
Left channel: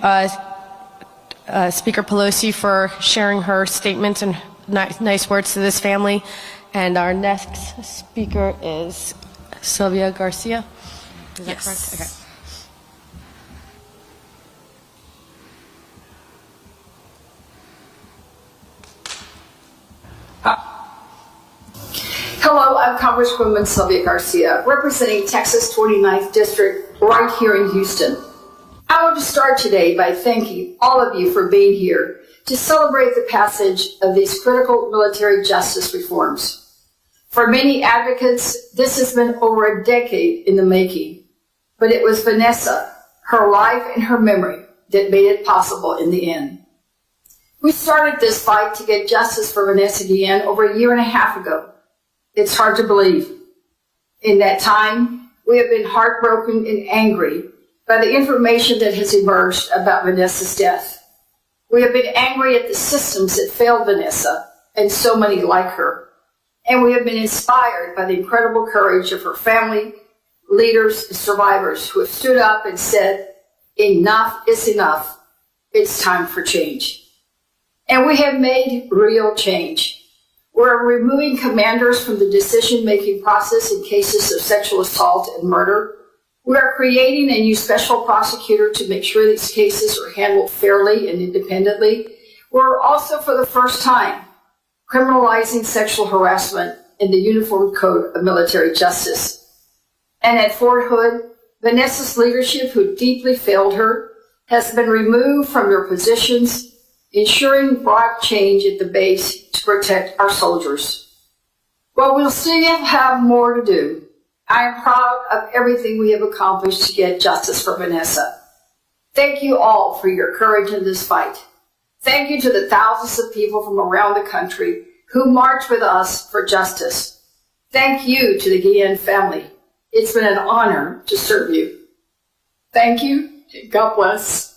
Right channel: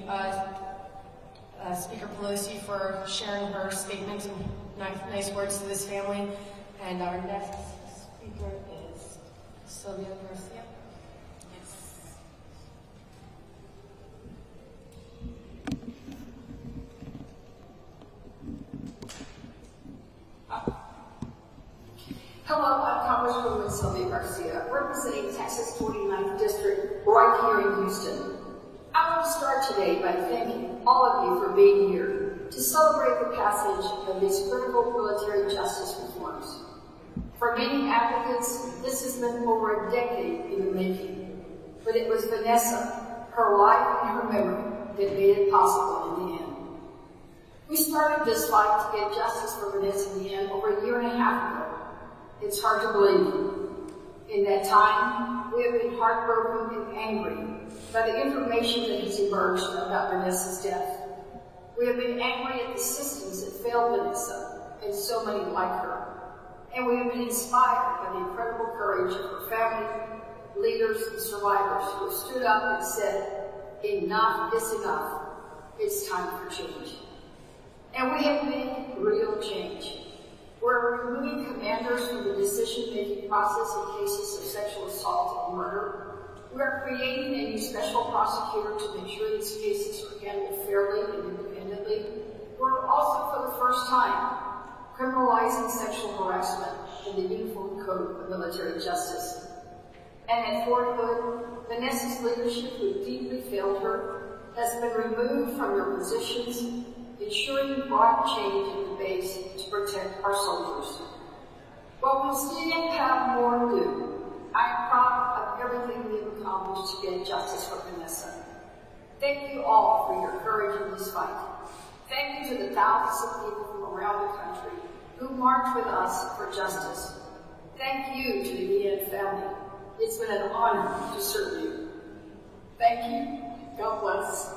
Speaker Pelosi, for sharing her statements and nice words to this family. And our next speaker is Sylvia Garcia. Is that correct? Okay. Hello, I'm Congresswoman Sylvia Garcia, representing Texas 29th District right here in Houston. I want to start today by thanking all of you for being here to celebrate the passage of these critical military justice reforms. For many advocates, this has been over a decade in the making, but it was Vanessa, her life and her memory that made it possible in the end. We started this fight to get justice for Vanessa Guillen over a year and a half ago. It's hard to believe. In that time, we have been heartbroken and angry by the information that has emerged about Vanessa's death. We have been angry at the systems that failed Vanessa and so many like her. And we have been inspired by the incredible courage of her family, leaders, and survivors who have stood up and said, enough is enough. It's time for change. And we have made real change. We're removing commanders from the decision-making process in cases of sexual assault and murder. We are creating a new special prosecutor to make sure these cases are handled fairly and independently. We're also, for the first time, criminalizing sexual harassment in the Uniform Code of Military Justice. And at Fort Hood, Vanessa's leadership, who deeply failed her, has been removed from their positions, ensuring broad change at the base to protect our soldiers. While we'll still have more to do, I am proud of everything we have accomplished to get justice for Vanessa. Thank you all for your courage in this fight. Thank you to the thousands of people from around the country who marched with us for justice. Thank you to the Guillen family. It's been an honor to serve you. Thank you, and God bless.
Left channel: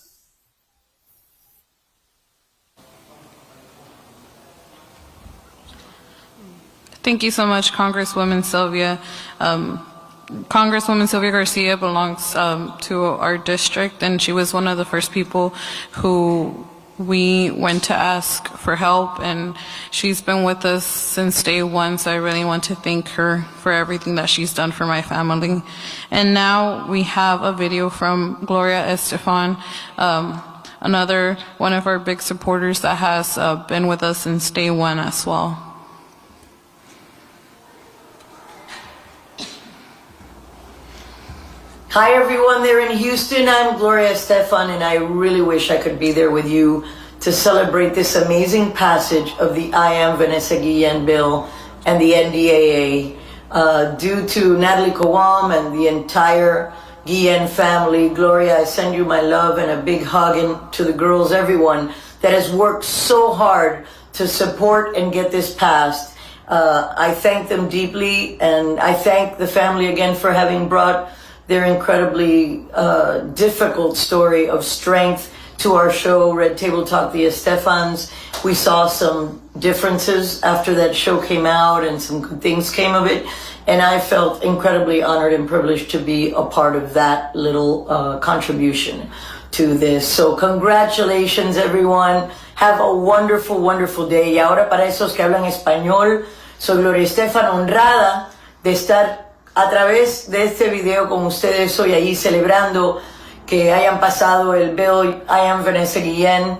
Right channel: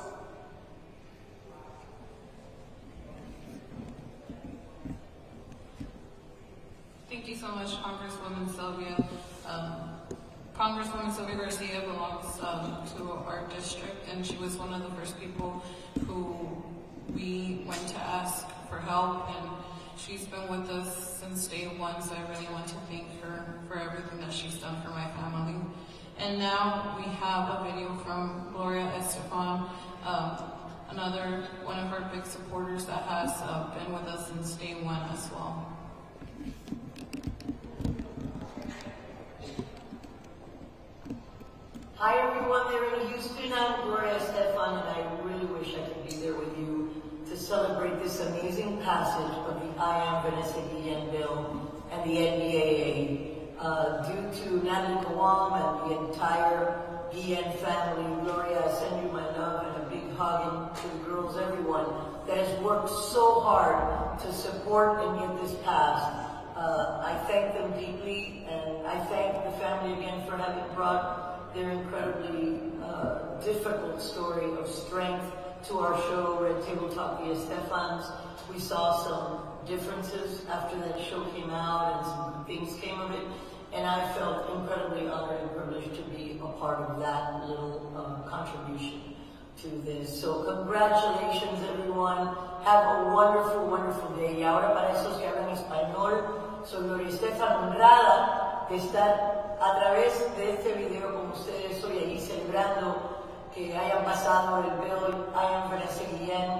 Thank you so much, Congresswoman Sylvia. Congresswoman Sylvia Garcia belongs to our district, and she was one of the first people who we went to ask for help, and she's been with us since day one, so I really want to thank her for everything that she's done for my family. And now we have a video from Gloria Estefan, another one of our big supporters that has been with us since day one as well. Hi everyone there in Houston, I'm Gloria Estefan, and I really wish I could be there with you to celebrate this amazing passage of the I Am Vanessa Guillen bill and the NDAA. Due to Natalie Kowam and the entire Guillen family, Gloria, I send you my love and a big hug, and to the girls, everyone that has worked so hard to support and get this passed. I thank them deeply, and I thank the family again for having brought their incredibly difficult story of strength to our show, Red Table Talk, the Estefans. We saw some differences after that show came out, and some good things came of it. And I felt incredibly honored and privileged to be a part of that little contribution to this. So congratulations, everyone. Have a wonderful, wonderful day. Y ahora, para esos que hablan español, soy Gloria Estefan, honrada de estar a través de este video con ustedes hoy ahí celebrando que hayan pasado el Bill and Vanessa Guillen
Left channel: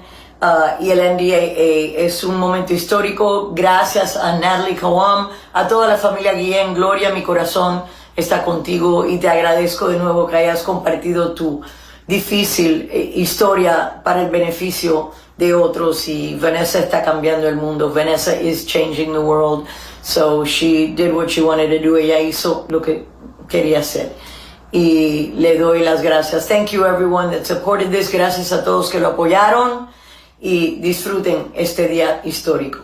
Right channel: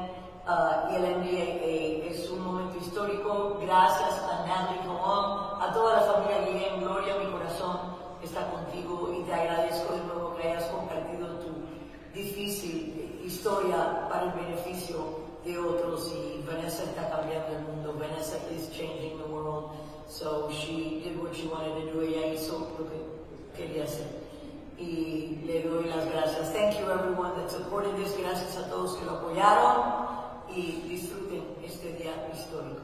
y el NDAA. Es un momento histórico. Gracias a Natalie Kowam, a toda la familia Guillen. Gloria, mi corazón está contigo y te agradezco de nuevo que hayas compartido tu difícil historia para el beneficio de otros. Y Vanessa está cambiando el mundo. Vanessa is changing the world. So she did what she wanted to do. Ella hizo lo que quería hacer. Y le doy las gracias. Thank you everyone that supported this. Gracias a todos que lo apoyaron. Y disfruten este día histórico.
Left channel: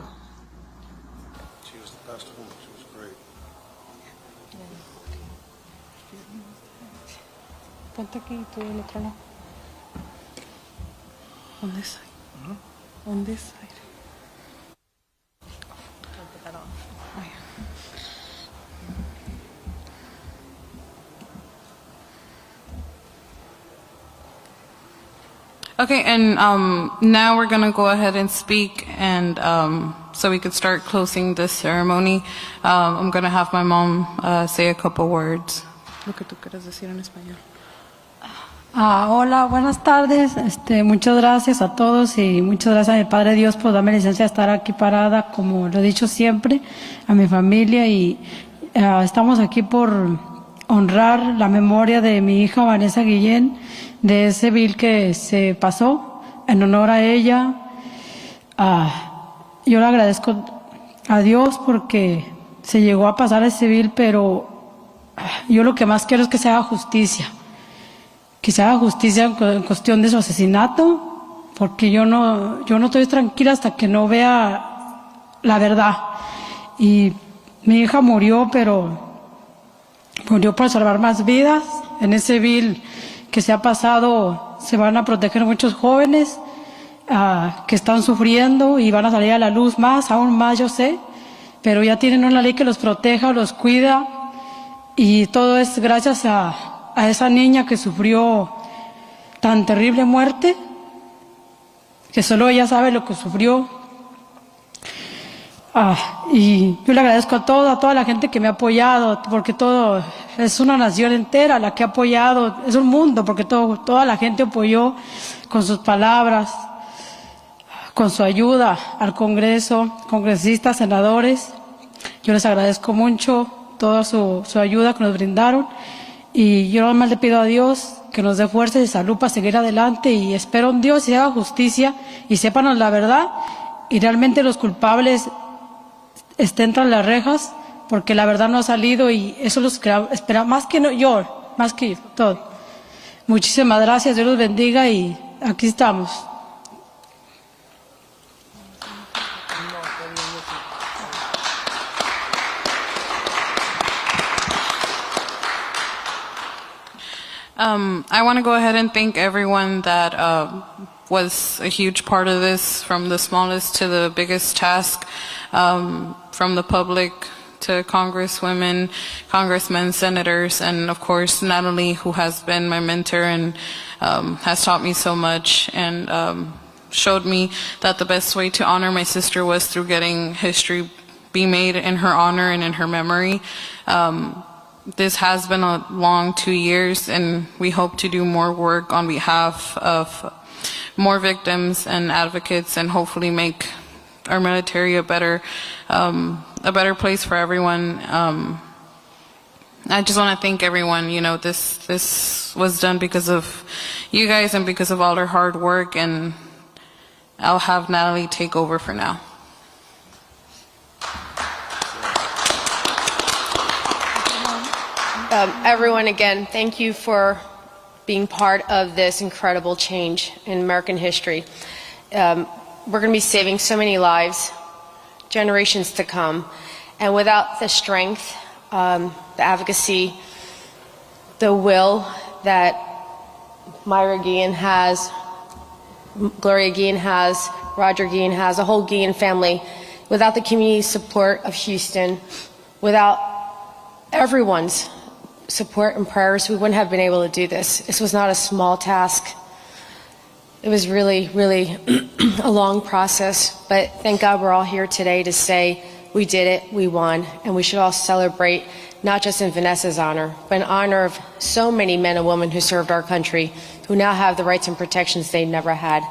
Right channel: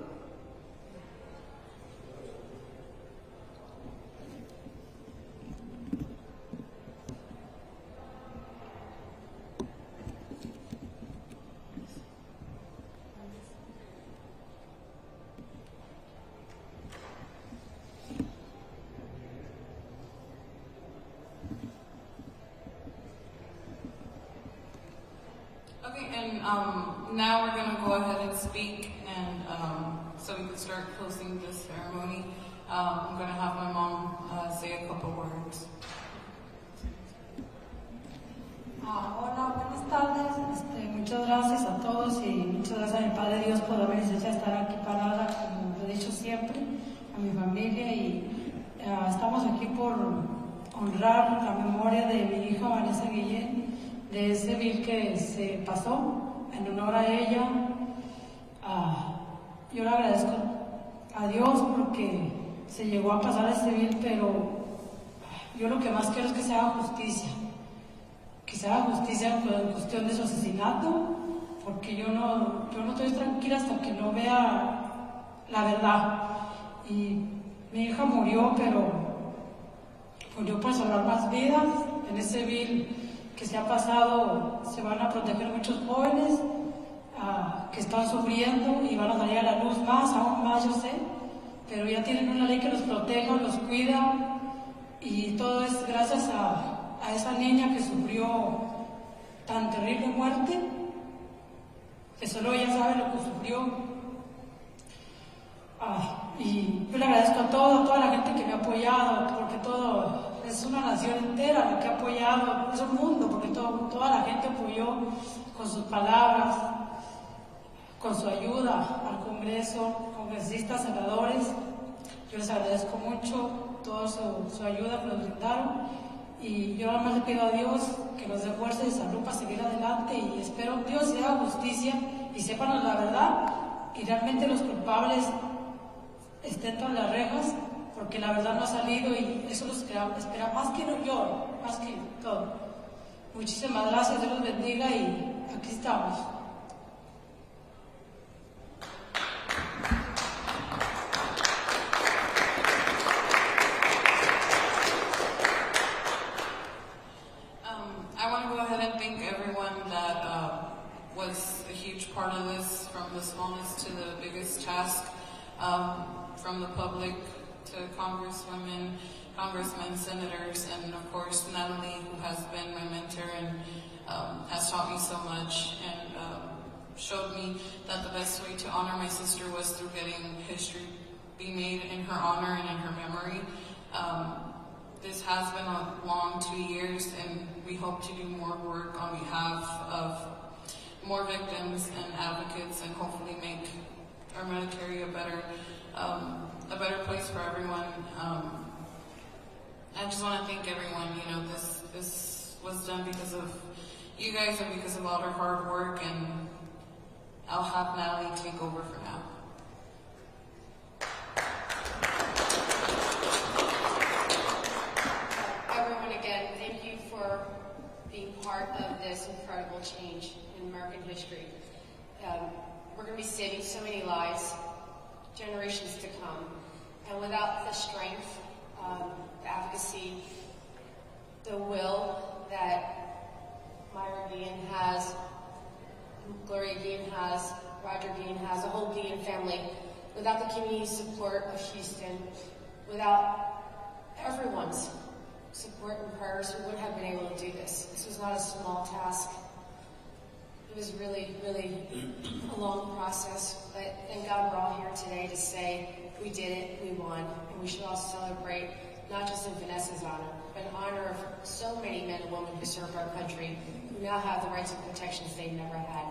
Ponte aquí y tú del otro lado. On this side. On this side. Okay, and now we're going to go ahead and speak, and so we could start closing this ceremony. I'm going to have my mom say a couple words. Lo que tú quieras decir en español. Hola, buenas tardes. Muchas gracias a todos y muchas gracias a mi Padre Dios por darme licencia de estar aquí parada, como lo he dicho siempre, a mi familia. Y estamos aquí por honrar la memoria de mi hija Vanessa Guillen, de ese bill que se pasó en honor a ella. Yo le agradezco a Dios porque se llegó a pasar ese bill, pero yo lo que más quiero es que se haga justicia. Que se haga justicia en cuestión de su asesinato, porque yo no estoy tranquila hasta que no vea la verdad. Y mi hija murió, pero murió por salvar más vidas. En ese bill que se ha pasado se van a proteger muchos jóvenes que están sufriendo y van a salir a la luz aún más, yo sé, pero ya tienen una ley que los proteja, los cuida, y todo es gracias a esa niña que sufrió tan terrible muerte, que solo ella sabe lo que sufrió. Y yo le agradezco a toda la gente que me ha apoyado, porque todo es una nación entera la que ha apoyado, es un mundo, porque toda la gente apoyó con sus palabras, con su ayuda al Congreso, congresistas, senadores. Yo les agradezco mucho toda su ayuda que nos brindaron, y yo nada más le pido a Dios que nos dé fuerza y salud para seguir adelante, y espero en Dios y haga justicia y sépanos la verdad, y realmente los culpables estén tras las rejas, porque la verdad no ha salido, y eso los espera más que más que todo. Muchísimas gracias, Dios los bendiga, y aquí estamos. I want to go ahead and thank everyone that was a huge part of this, from the smallest to the biggest task, from the public to congresswomen, congressmen, senators, and of course Natalie, who has been my mentor and has taught me so much, and showed me that the best way to honor my sister was through getting history be made in her honor and in her memory. This has been a long 2 years, and we hope to do more work on behalf of more victims and advocates, and hopefully make our military a better place for everyone. I just want to thank everyone. You know, this was done because of you guys and because of all their hard work, and I'll have Natalie take over for now. Everyone, again, thank you for being part of this incredible change in American history. We're going to be saving so many lives, generations to come, and without the strength, the advocacy, the will that Myra Guillen has, Gloria Guillen has, Roger Guillen has, the whole Guillen family, without the community support of Houston, without everyone's support and prayers, we wouldn't have been able to do this. This was not a small task. It was really, really a long process, but thank God we're all here today to say we did it, we won, and we should all celebrate, not just in Vanessa's honor, but in honor of so many men and women who served our country, who now have the rights and protections they never had.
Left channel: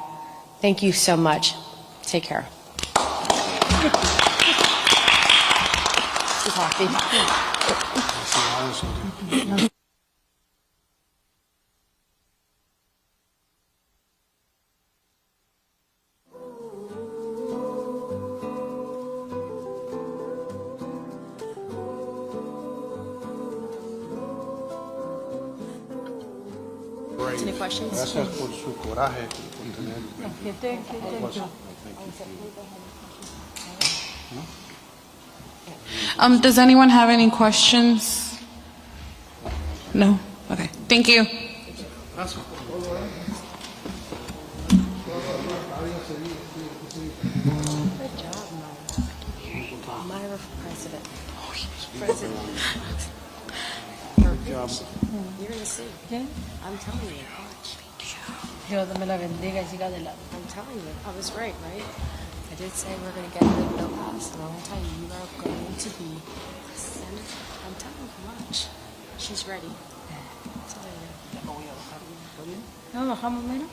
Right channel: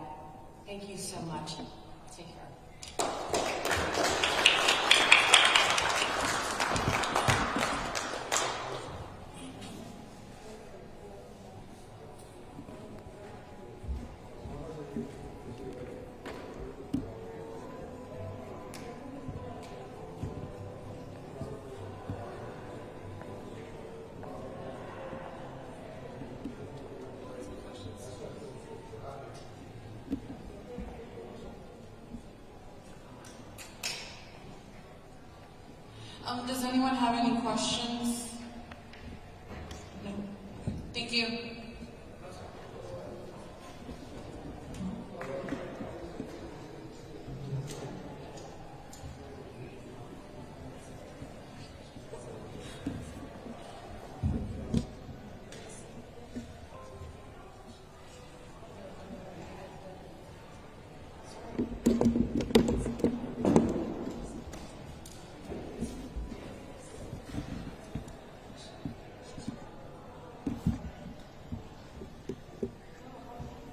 Thank you so much. Take care. Coffee. Any questions? Gracias por su coraje. Does anyone have any questions? No? Okay. Thank you. Myra for president. You're going to see. I'm telling you. Dios me la bendiga y siga adelante. I'm telling you. I was right, right? They did say we're going to get a good no pass, and I'll tell you, you are going to be a senator. I'm telling you much. She's ready. I'm telling you. ¿No bajamos menos?